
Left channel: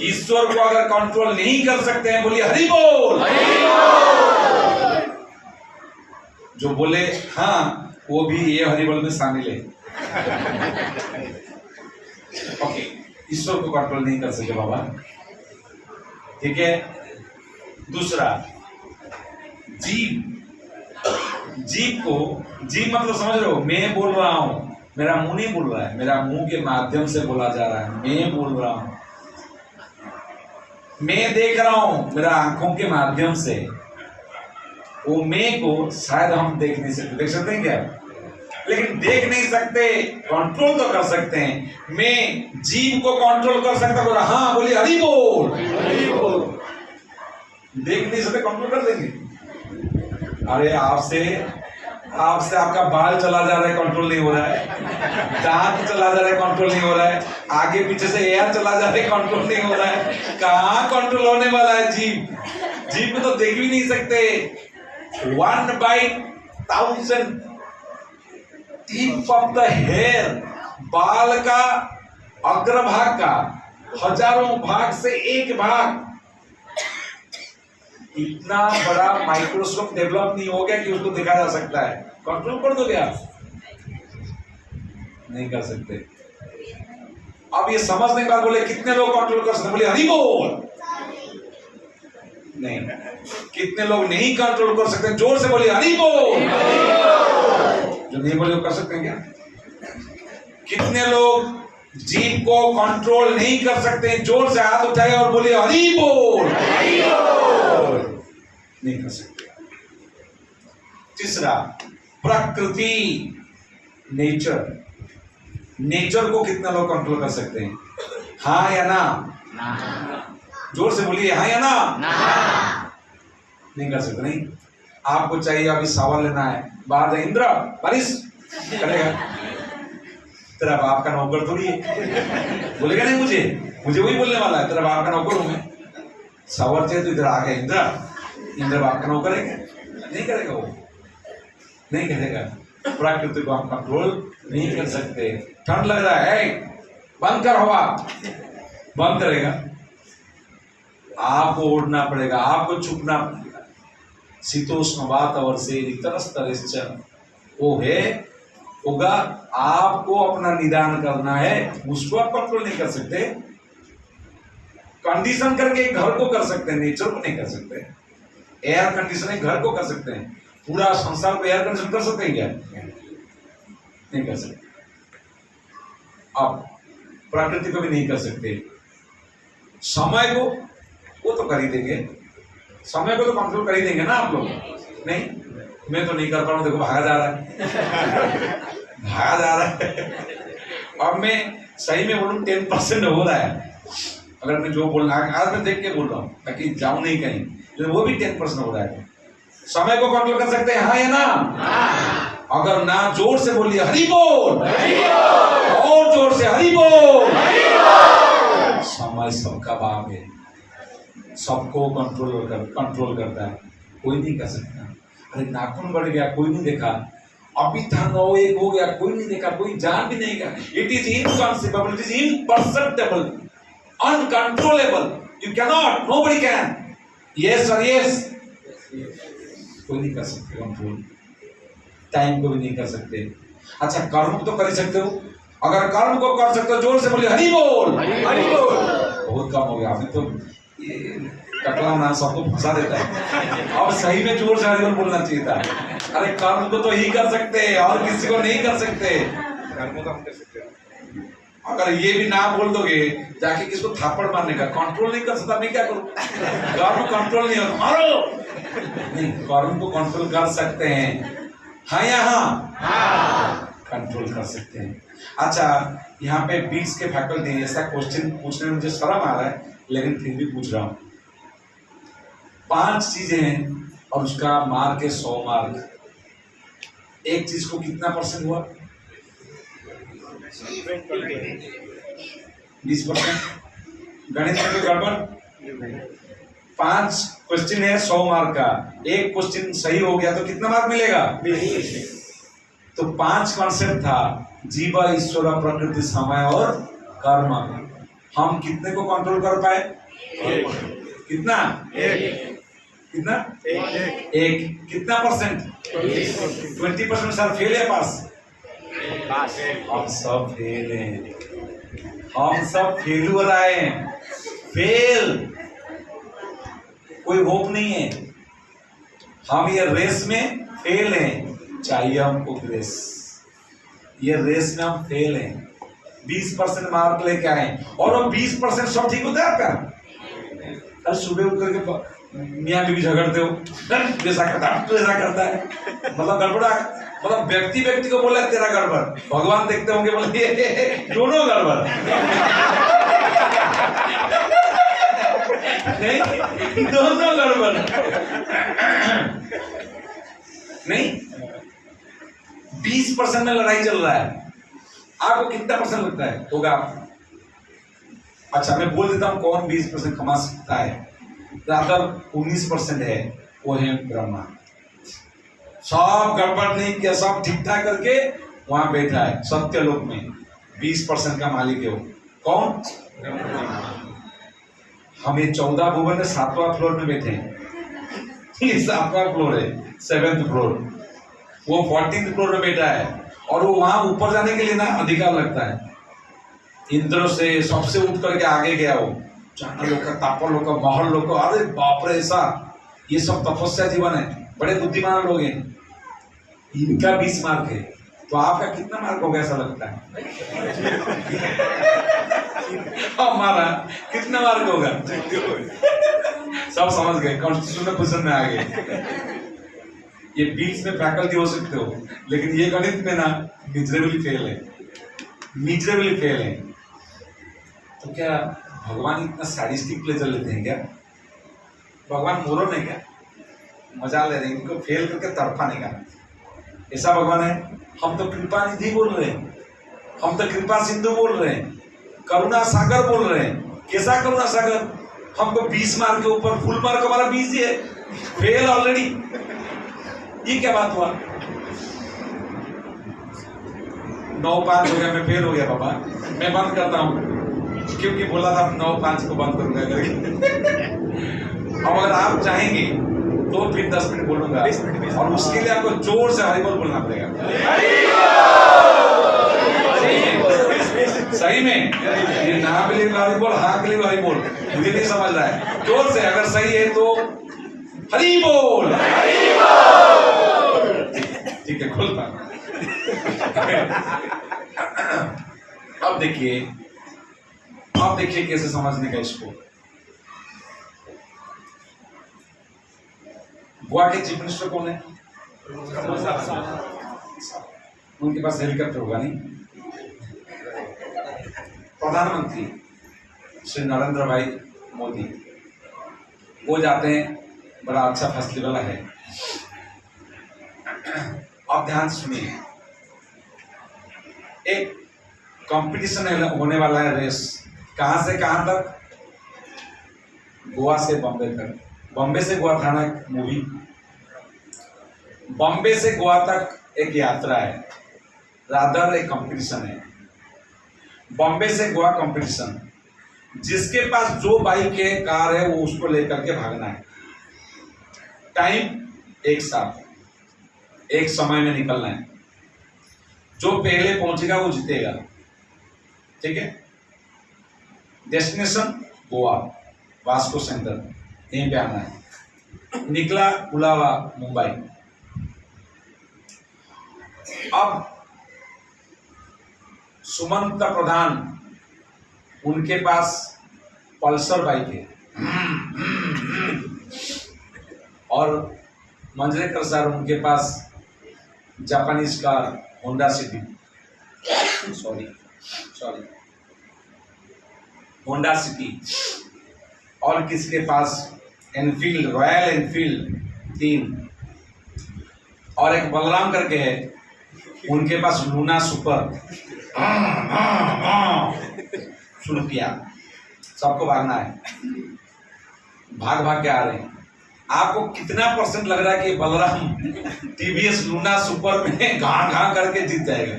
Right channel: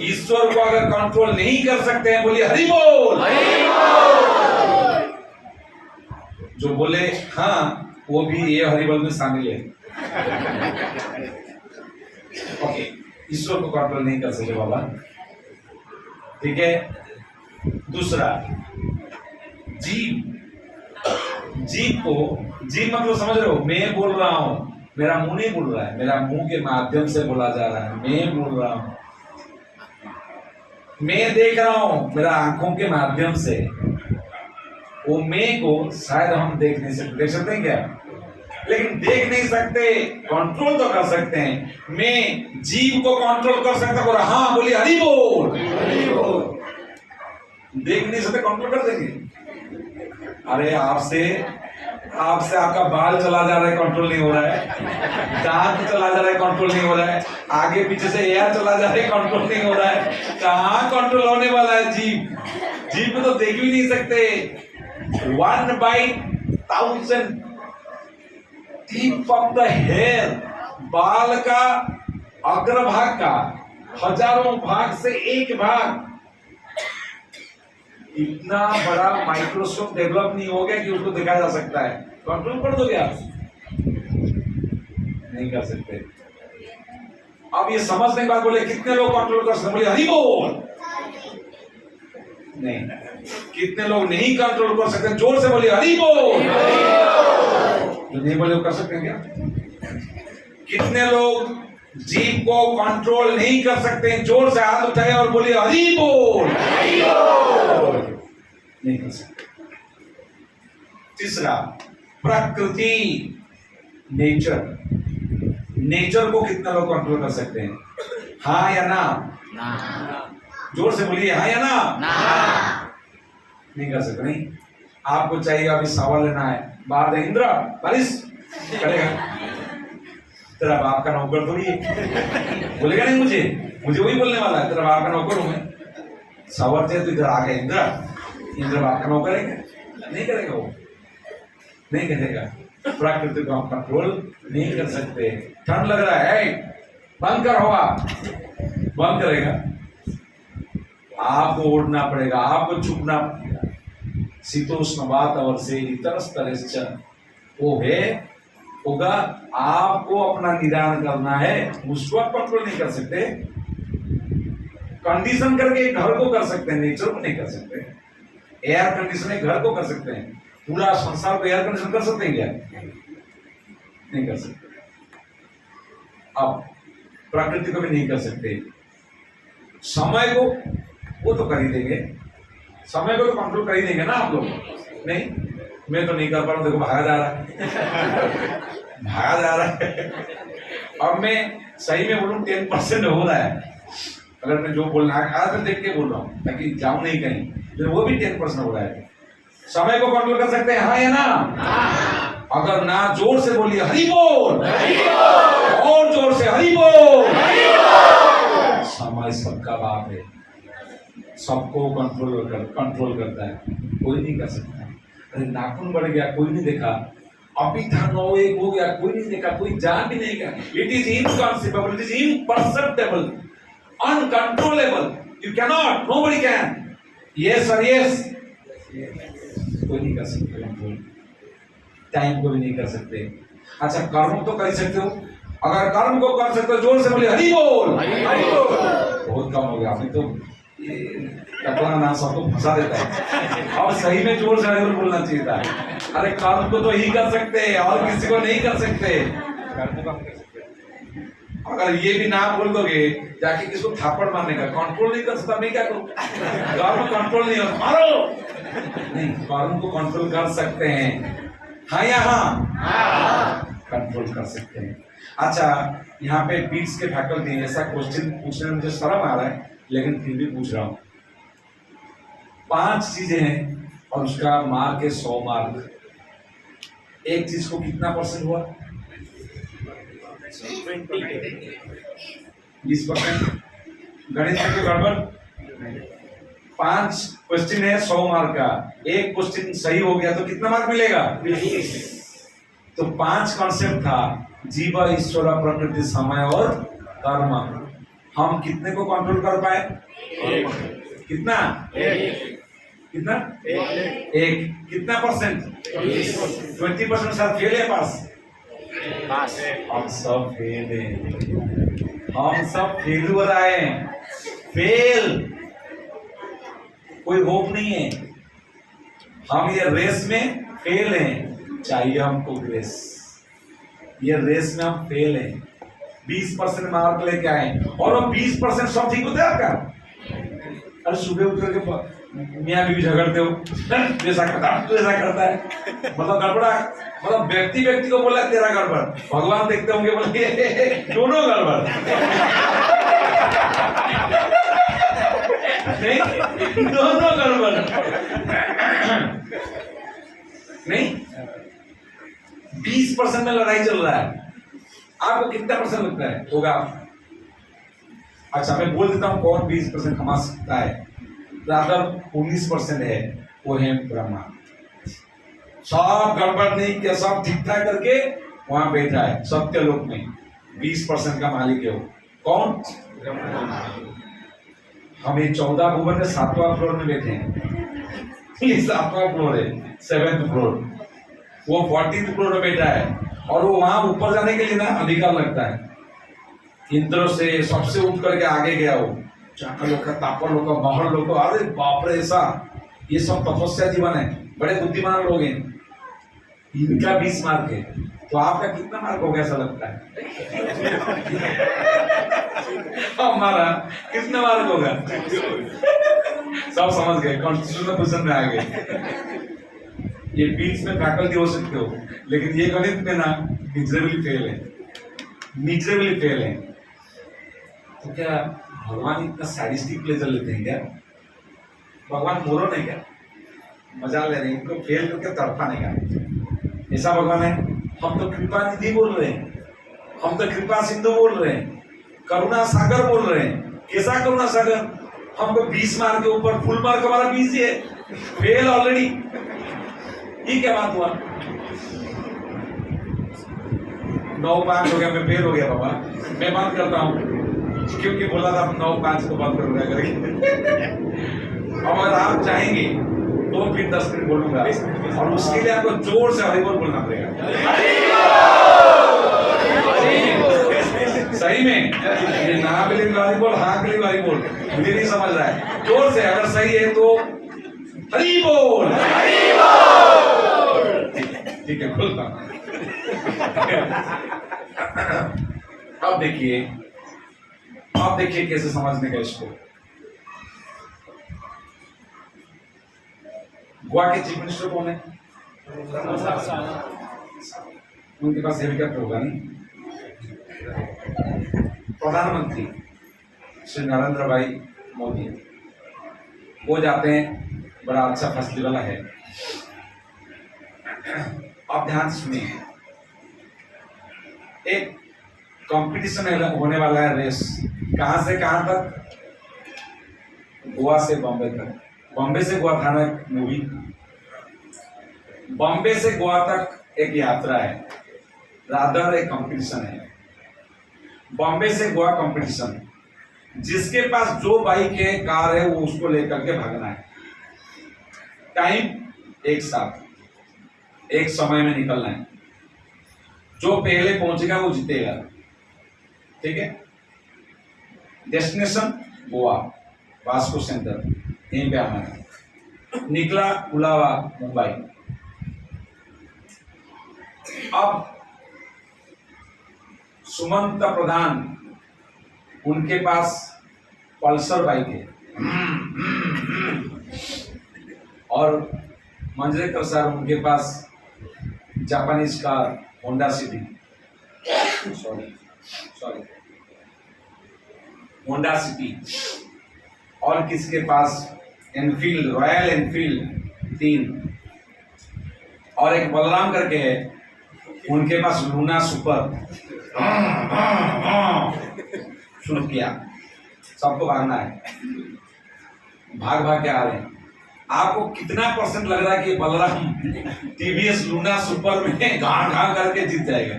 ईश्वर को अगर कंट्रोल नहीं कर सकते हैं, बोलिए हरि बोल। जो बोले हाँ, वो भी ये हरि बोल में शामिल है। ओके, ईश्वर को कंट्रोल नहीं कर सके बाबा, ठीक है। दूसरा, जीव, जीव को, जीव मतलब समझ रहे हो, मैं बोल रहा हूं, मेरा मुंह नहीं बोल रहा है, मेरा मुंह के माध्यम से बोला जा रहा है, मैं बोल रहा हूं। मैं देख रहा हूं, मेरा आंखों के माध्यम से। वो मैं को शायद हम देख नहीं सकते, देख सकते हैं क्या? लेकिन देख नहीं सकते, कंट्रोल तो कर सकते हैं। मैं जीव को कंट्रोल कर सकता हूं। हाँ, बोलिए हरि बोल। देख नहीं सकते, कंट्रोल कर देंगे। अरे आपसे आपसे आपका बाल चला जा रहा है, कंट्रोल नहीं हो रहा है, दांत चला जा रहा है, कंट्रोल नहीं हो रहा है, आगे पीछे से एयर चला जा रहा है, कंट्रोल नहीं हो रहा है, कहाँ कंट्रोल होने वाला है? जीभ, जीभ में तो देख भी नहीं सकते। 1/1000 टिप ऑफ द हेयर, बाल का अग्रभाग का हजारों भाग से एक भाग, इतना बड़ा माइक्रोस्कोप डेवलप नहीं हो गया कि उसको देखा जा सकता है। कंट्रोल कर दोगे आप? नहीं कर सकते। अब ये समझने के बाद बोले कितने लोग कंट्रोल कर सकते? बोले हरि बोल। नहीं, कितने लोग नहीं कंट्रोल कर सकते? जोर से बोले हरि बोल। जो नहीं बोले वो कर सकते हैं क्या? कितने लोग जीभ को कंट्रोल नहीं कर सकते? जोर से हाथ उठाए और बोले हरि बोल। नहीं कर सकते। तीसरा, प्रकृति, नेचर। नेचर को कितना लोग कंट्रोल कर सकते हैं? हाँ या ना? जोर से बोलिए, हाँ या ना? नहीं कर सकते। नहीं, आपको चाहिए अभी शावर लेना है, बाहर जाए, इंद्र बारिश करेगा? तेरा बाप का नौकर थोड़ी है, बोलेगा नहीं मुझे वही बोलने वाला है, तेरा बाप का नौकर हूं मैं, शावर चाहिए तो इधर आ गया इंद्र बाप का नौकर है क्या? नहीं करेगा वो, नहीं करेगा। प्रकृति को हम कंट्रोल नहीं कर सकते। ठंड लग रहा है, बंद कर हवा, बंद करेगा? आपको ओढ़ना पड़ेगा, आपको चुपना पड़ेगा। शीतोष्ण वातावरण से इतरस्तरश्च, वो है होगा, आपको अपना निदान करना है, उसको आप कंट्रोल नहीं कर सकते। कंडीशन करके घर को कर सकते हैं, नेचर को नहीं कर सकते। एयर कंडीशनिंग घर को कर सकते हैं, पूरा संसार को एयर कंडीशन कर सकते हैं क्या? नहीं कर सकते। अब प्रकृति को भी नहीं कर सकते। समय को वो तो कर ही देंगे, समय को तो कंट्रोल कर ही देंगे ना आप लोग। नहीं, मैं तो नहीं कर पा रहा हूं, देखो भागा जा रहा है भागा जा रहा है। अब मैं सही में बोलूं 10% हो रहा है, अगर मैं जो बोलना आज मैं देख के बोल रहा हूँ ताकि जाऊं नहीं कहीं, तो वो भी 10% हो रहा है। समय को कंट्रोल कर सकते हैं, हाँ या ना? अगर ना, जोर से बोलिए हरि बोल, और जोर से हरि बोल। समय सबका बाप है, सबको कंट्रोल करता है, कोई नहीं कर सकता। अरे नाखून बढ़ गया, कोई नहीं देखा, अभी था 9-1 हो गया, कोई नहीं देखा, कोई जान भी नहीं कर। It is inconceptible, it is imperceptible, uncontrollable, you cannot, nobody can. Yes और यस, कोई नहीं कर सकते कंट्रोल। टाइम को भी नहीं कर सकते। अच्छा, कर्म तो कर सकते हो, अगर कर्म को कर सकते हो जोर से बोलिए हरि बोल। बहुत कम हो गया, अभी तो कटला नाम सबको फंसा देता है। अब सही में जोर से हरि बोल बोलना चाहिए था। अरे कर्म को तो ही कर सकते हैं और किसी को नहीं कर सकते। कर्म को हम कर सकते हैं। अगर ये भी ना बोल दोगे जाके किसको थप्पड़ मारने का, कंट्रोल नहीं कर सकता, मैं क्या करूं? कर्म कंट्रोल नहीं हो, मारो नहीं, कर्म को कंट्रोल कर सकते हैं, हाँ या हाँ? कंट्रोल कर सकते हैं। अच्छा, यहाँ पे बीट्स के फैकल्टी ऐसा क्वेश्चन पूछने में मुझे शर्म आ रहा है, लेकिन फिर भी पूछ रहा हूँ। 5 चीजें हैं और उसका मार्क है 100 मार्क। एक चीज को कितना % हुआ? 20%। गणित में तो गड़बड़। 5 क्वेश्चन है 100 मार्क का, एक क्वेश्चन सही हो गया तो कितना मार्क मिलेगा? 20। तो 5 कॉन्सेप्ट था, जीव, ईश्वर, प्रकृति, समय और कर्म। हम कितने को कंट्रोल कर पाए? कितना? कितना? एक। कितना %? 20%। सर फेल है पास? हम सब फेल हैं, हम सब फेल्यूर आए हैं, फेल, कोई होप नहीं है। हम ये रेस में फेल हैं, चाहिए हमको ग्रेस। ये रेस में हम फेल हैं, 20% मार्क लेके आए, और वो 20% सब ठीक होता है आपका? अरे सुबह उठ करके मियाँ बीवी झगड़ते हो, ऐसा करता है, मतलब गड़बड़ा, मतलब व्यक्ति को बोला तेरा गड़बड़, भगवान देखते होंगे बोले दोनों गड़बड़। नहीं, दोनों गड़बड़ नहीं। 20% में लड़ाई चल रहा है, आपको कितना परसेंट लगता है होगा? अच्छा मैं बोल देता हूं कौन 20% कमा सकता है। अगर 19% है वो है ब्रह्मा। सब गड़बड़ नहीं किया, सब ठीक ठाक करके वहां बैठा है सत्यलोक में, 20% का मालिक है वो। कौन? हम ये 14 भुवन में 7वां फ्लोर में बैठे हैं, ये 7वां फ्लोर है, 7th फ्लोर। वो 14th फ्लोर में बैठा है और वो वहां ऊपर जाने के लिए ना अधिकार लगता है। इंद्र से सबसे उठ करके आगे गया वो, चांदा लोग का, तापर लोग का, महल लोग का। अरे बाप रे, ऐसा ये सब तपस्या जीवन है, बड़े बुद्धिमान लोग हैं। इनका 20 मार्क है, तो आपका कितना मार्क होगा ऐसा लगता है? हमारा कितना मार्क होगा? सब समझ गए, कॉन्स्टिट्यूशनल क्वेश्चन में आ गए। ये बीट्स में फैकल्टी हो सकते हो, लेकिन ये गणित में ना मिजरेबली फेल है, मिजरेबली फेल है। तो क्या भगवान इतना सैडिस्टिक प्लेजर लेते हैं क्या? भगवान मोरन है क्या? मजा ले रहे हैं, इनको फेल करके तड़पाने का ऐसा भगवान है? हम तो कृपा निधि बोल रहे हैं, हम तो कृपा सिंधु बोल रहे हैं, करुणा सागर बोल रहे हैं। कैसा करुणा सागर? हमको 20 मार्क के ऊपर फुल मार्क हमारा 20 ही है, फेल ऑलरेडी। ये क्या बात हुआ? 9-5 हो गया, मैं फेल हो गया बाबा, मैं बंद करता हूँ, क्योंकि बोला था 9-5 को बंद करूंगा करके। और अगर आप चाहेंगे तो फिर 10 मिनट बोलूंगा, और उसके लिए आपको जोर से हरि बोल बोलना पड़ेगा। सही में ये ना के लिए हरि बोल, हाँ के लिए हरि बोल, मुझे नहीं समझ रहा है। जोर से अगर सही है तो हरि बोल, ठीक है, खोलता। अब देखिए, आप देखिए कैसे समझने का इसको। गोवा के चीफ मिनिस्टर कौन है? उनके पास हेलीकॉप्टर होगा नहीं? प्रधानमंत्री श्री नरेंद्र भाई मोदी, वो जाते हैं, बड़ा अच्छा फेस्टिवल है। आप ध्यान से सुनिए, एक कंपटीशन होने वाला है, रेस। कहां से कहां तक? गोवा से बॉम्बे तक। बॉम्बे से गोवा था ना मूवी, बॉम्बे से गोवा तक एक यात्रा है, रादर एक कंपटीशन है। बॉम्बे से गोवा कंपटीशन, जिसके पास जो बाइक है, कार है, वो उसको लेकर के भागना है। टाइम एक साथ, एक समय में निकलना है। जो पहले पहुंचेगा वो जीतेगा, ठीक है? डेस्टिनेशन गोवा, वास्को सेंटर, यहीं पे आना है। निकला उलावा मुंबई। अब सुमंत प्रधान, उनके पास पल्सर बाइक है, और मंजरेकर सर उनके पास Japanese car Honda City, sorry Honda City. और किसके पास? Enfield, royal Enfield 3। और एक बलराम करके है, उनके पास लूना सुपर। शुरू किया, सबको भागना है, भाग भाग के आ रहे हैं। आपको कितना परसेंट लग रहा है कि बलराम टीवीएस लूना सुपर में घां घां करके जीत जाएगा?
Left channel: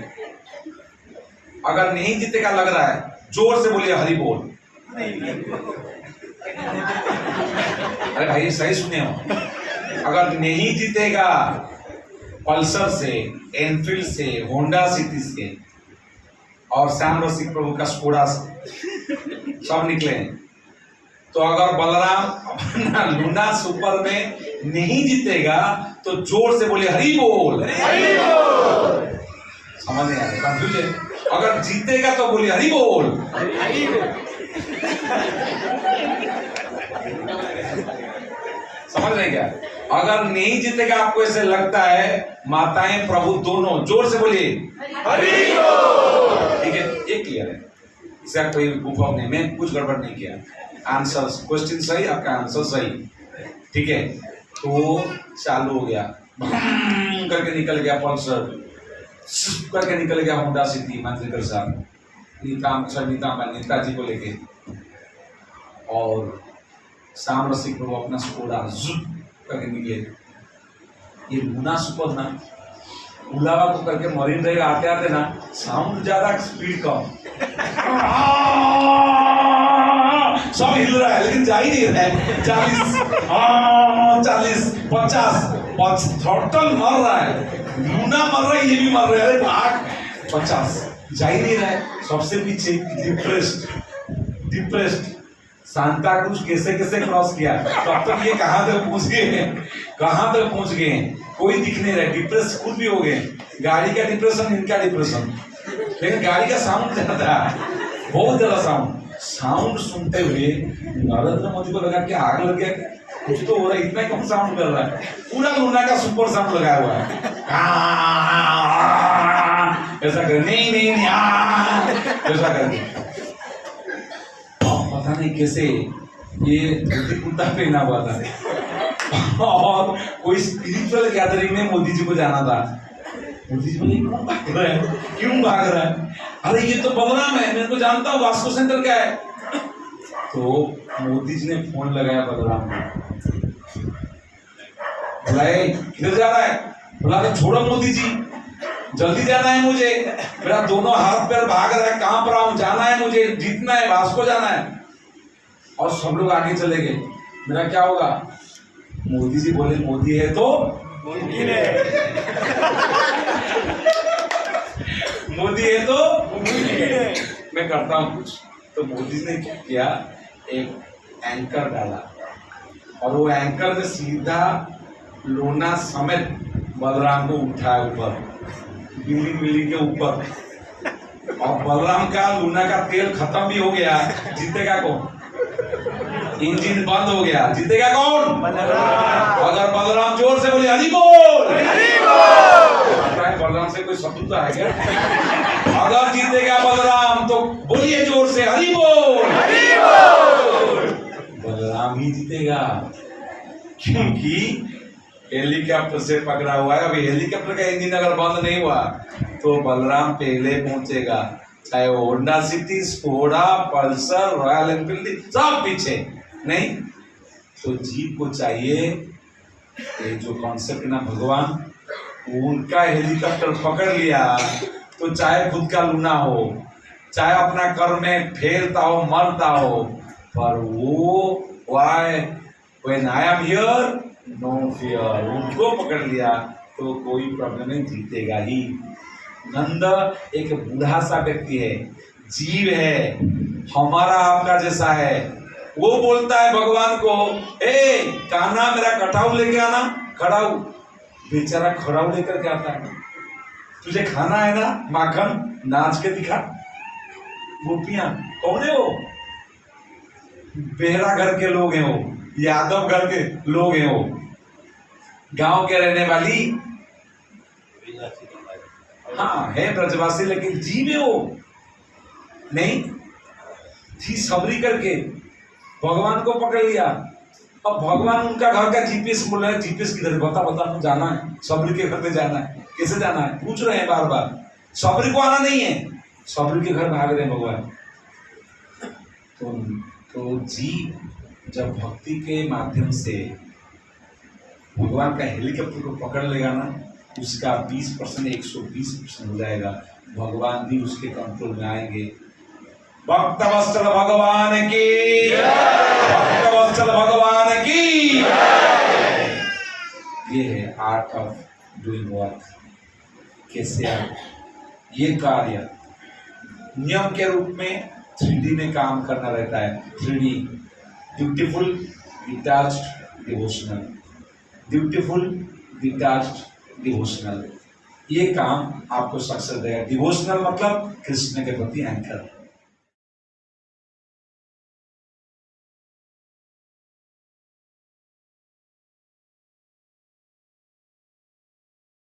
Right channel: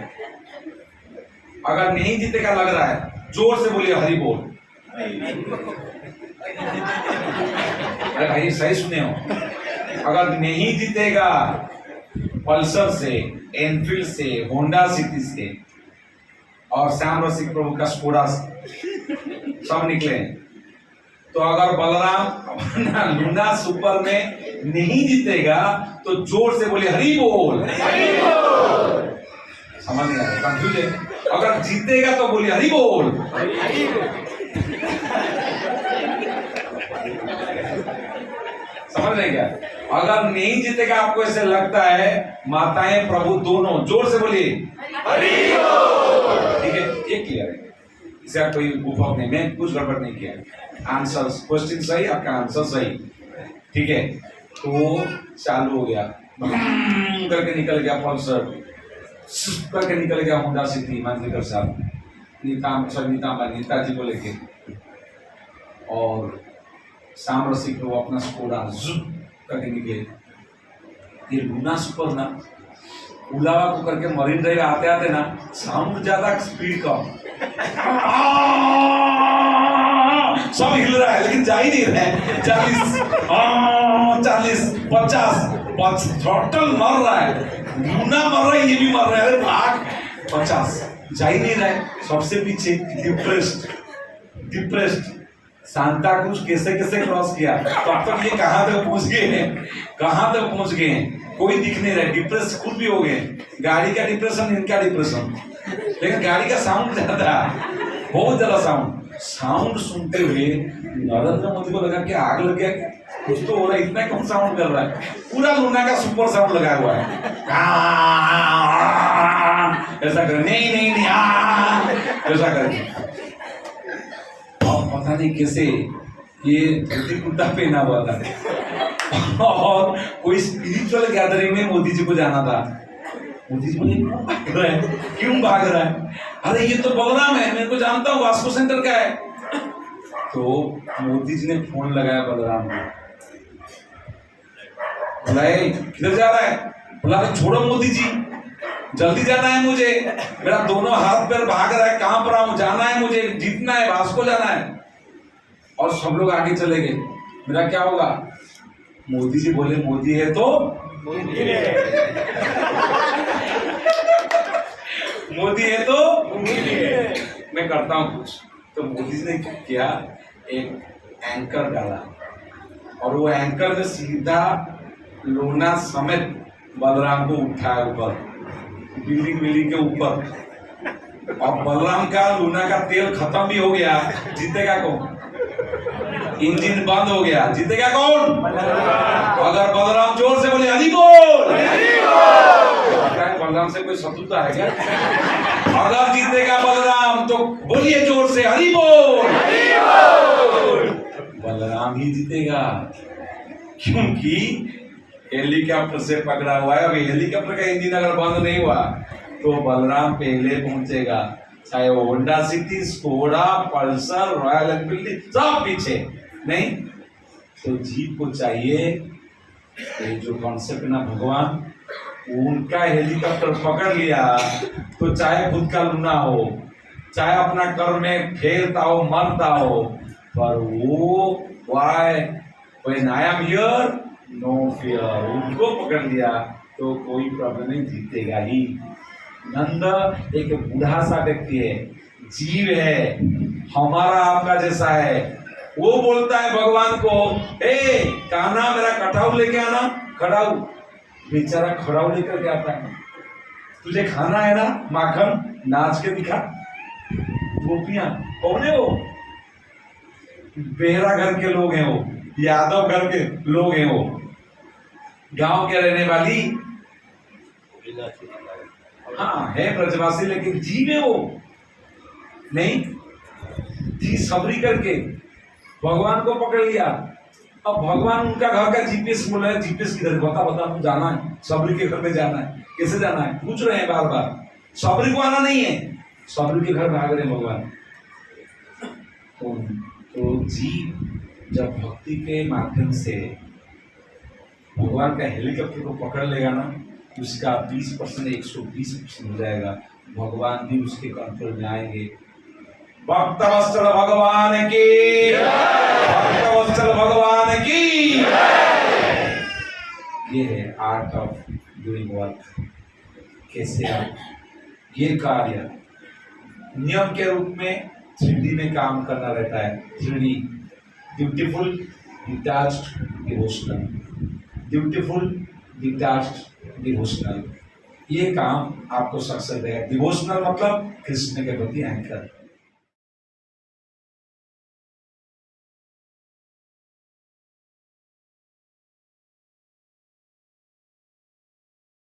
अगर नहीं जीतेगा लग रहा है, जोर से बोलिए हरि बोल। अरे भाई सही सुने हो, अगर नहीं जीतेगा पल्सर से, एनफील्ड से, होंडा सिटी से, और श्याम रसिक प्रभु का स्कोडा सब निकले, तो अगर बलराम लूना सुपर में नहीं जीतेगा तो जोर से बोले हरि बोल। समझ नहीं आ रहा, कंफ्यूज है? अगर जीतेगा तो बोलिए हरि बोल। समझ नहीं क्या? अगर नहीं जीतेगा, आपको ऐसे लगता है, माताएं प्रभु दोनों, जोर से बोलिए हरि बोल। ठीक है, ये क्लियर है, इसका कोई बुफाव नहीं, मैं कुछ गड़बड़ नहीं किया। आंसर, क्वेश्चन सही, आपका आंसर सही, ठीक है। तो चालू हो गया, करके निकल गया पल्सर, करके निकल गया होंडा सिटी मांजरेकर साहब नेताजी को लेके, और शाम रसिक में वो अपना स्कोडा जुप करके निकले। ये लूना सुपर ना उलावा को करके मरीन ड्राइव आते आते ना साउंड ज्यादा स्पीड कम, सब हिल रहा है लेकिन जा ही नहीं रहा है। 40 50 थ्रॉटल मर रहा है, लूना मर रहा है, ये भी मर रहा है। भाग 50 जा ही नहीं रहा है, सबसे पीछे डिप्रेस्ड सांता क्रूज कैसे कैसे क्रॉस किया, तब तक ये कहां तक पहुंच गए कोई दिख नहीं रहा, डिप्रेस खुद भी हो गए। गाड़ी का डिप्रेशन, इनका डिप्रेशन, लेकिन गाड़ी का साउंड ज्यादा, बहुत ज्यादा साउंड सुनते हुए नरेंद्र मोदी को लगा कि आग लग गया, कुछ तो हो रहा है, इतना कम साउंड कर रहा है, पूरा लूना का सुपर साउंड लगा हुआ है, ऐसा कर नहीं ऐसा करके। पता नहीं कैसे ये धोती कुर्ता पहना हुआ था और कोई स्पिरिचुअल गैदरिंग में मोदी जी को जाना था। मोदी जी बोले क्यों भाग रहा है? अरे ये तो बलराम है, मैं इनको जानता हूँ, वास्को सेंटर का है। तो मोदी जी ने फोन लगाया बलराम को, बोला किधर जा रहा है? बोला छोड़ो मोदी जी, जल्दी जाना है मुझे, मेरा दोनों हाथ पैर भाग रहा है, कांप रहा हूं, जाना है मुझे, जीतना है, वास्को जाना है। और सब लोग आगे चले गए, मेरा क्या होगा? मोदी जी बोले मोदी है तो मोदी है मैं करता हूं कुछ। तो मोदी ने क्या किया, एक एंकर डाला और वो एंकर में सीधा लोना समेत बलराम को उठाया ऊपर, बिल्डिंग के ऊपर, और बलराम का लूना का तेल खत्म भी हो गया, जीतेगा कौन? इंजन बंद हो गया, जीतेगा कौन? अगर बलराम जोर से बोले हरि बोल, बलराम से कोई शत्रुता है क्या? अगर जीतेगा बलराम तो बोलिए जोर से हरि बोल, बलराम ही जीतेगा, क्योंकि हेलीकॉप्टर से पकड़ा हुआ है। अभी हेलीकॉप्टर का इंजन अगर बंद नहीं हुआ तो बलराम पहले पहुंचेगा, चाहे वो Honda city, Skoda, Pulsar, royal Enfield सब पीछे नहीं। तो जीप को चाहिए ये जो कॉन्सेप्ट ना, भगवान उनका हेलीकॉप्टर पकड़ लिया तो चाहे खुद का लूना हो, चाहे अपना कर्म में फेलता हो, मरता हो, पर वो when I am here no fear, उनको पकड़ लिया तो कोई प्रॉब्लम नहीं, जीतेगा ही। नंद एक बूढ़ा सा व्यक्ति है, जीव है, हमारा आपका जैसा है। वो बोलता है भगवान को, ए कान्हा मेरा कटाऊ लेके आना, खड़ाऊ। बेचारा खड़ाऊ लेकर के आता है, तुझे खाना है ना माखन, नाच के दिखा। गोपियां कौन है वो? बेहरा घर के लोग हैं वो, यादव घर के लोग हैं वो, गांव के रहने वाली, हाँ है ब्रजवासी, लेकिन जीव है वो नहीं। जी सबरी करके भगवान को पकड़ लिया, और भगवान उनका घर का जीपीएस बोल रहे हैं, जीपीएस किधर, बता जाना है, सबरी के घर पे जाना है, कैसे जाना है पूछ रहे हैं बार बार। सबरी को आना नहीं है, सबरी के घर भाग रहे हैं भगवान। तो जीव जब भक्ति के माध्यम से भगवान का हेलीकॉप्टर को पकड़ लेगा ना, उसका 20% 120% हो जाएगा, भगवान भी उसके कंट्रोल में आएंगे। भक्तवत्सल भगवान की, भक्तवत्सल भगवान की। ये है आर्ट ऑफ डूइंग वर्क। कैसे ये कार्य नियम के रूप में 3D में काम करना रहता है। 3D beautiful, detached, devotional, beautiful, detached, devotional. ये काम आपको सक्सेस देगा। डिवोशनल मतलब कृष्ण के प्रति एंकर,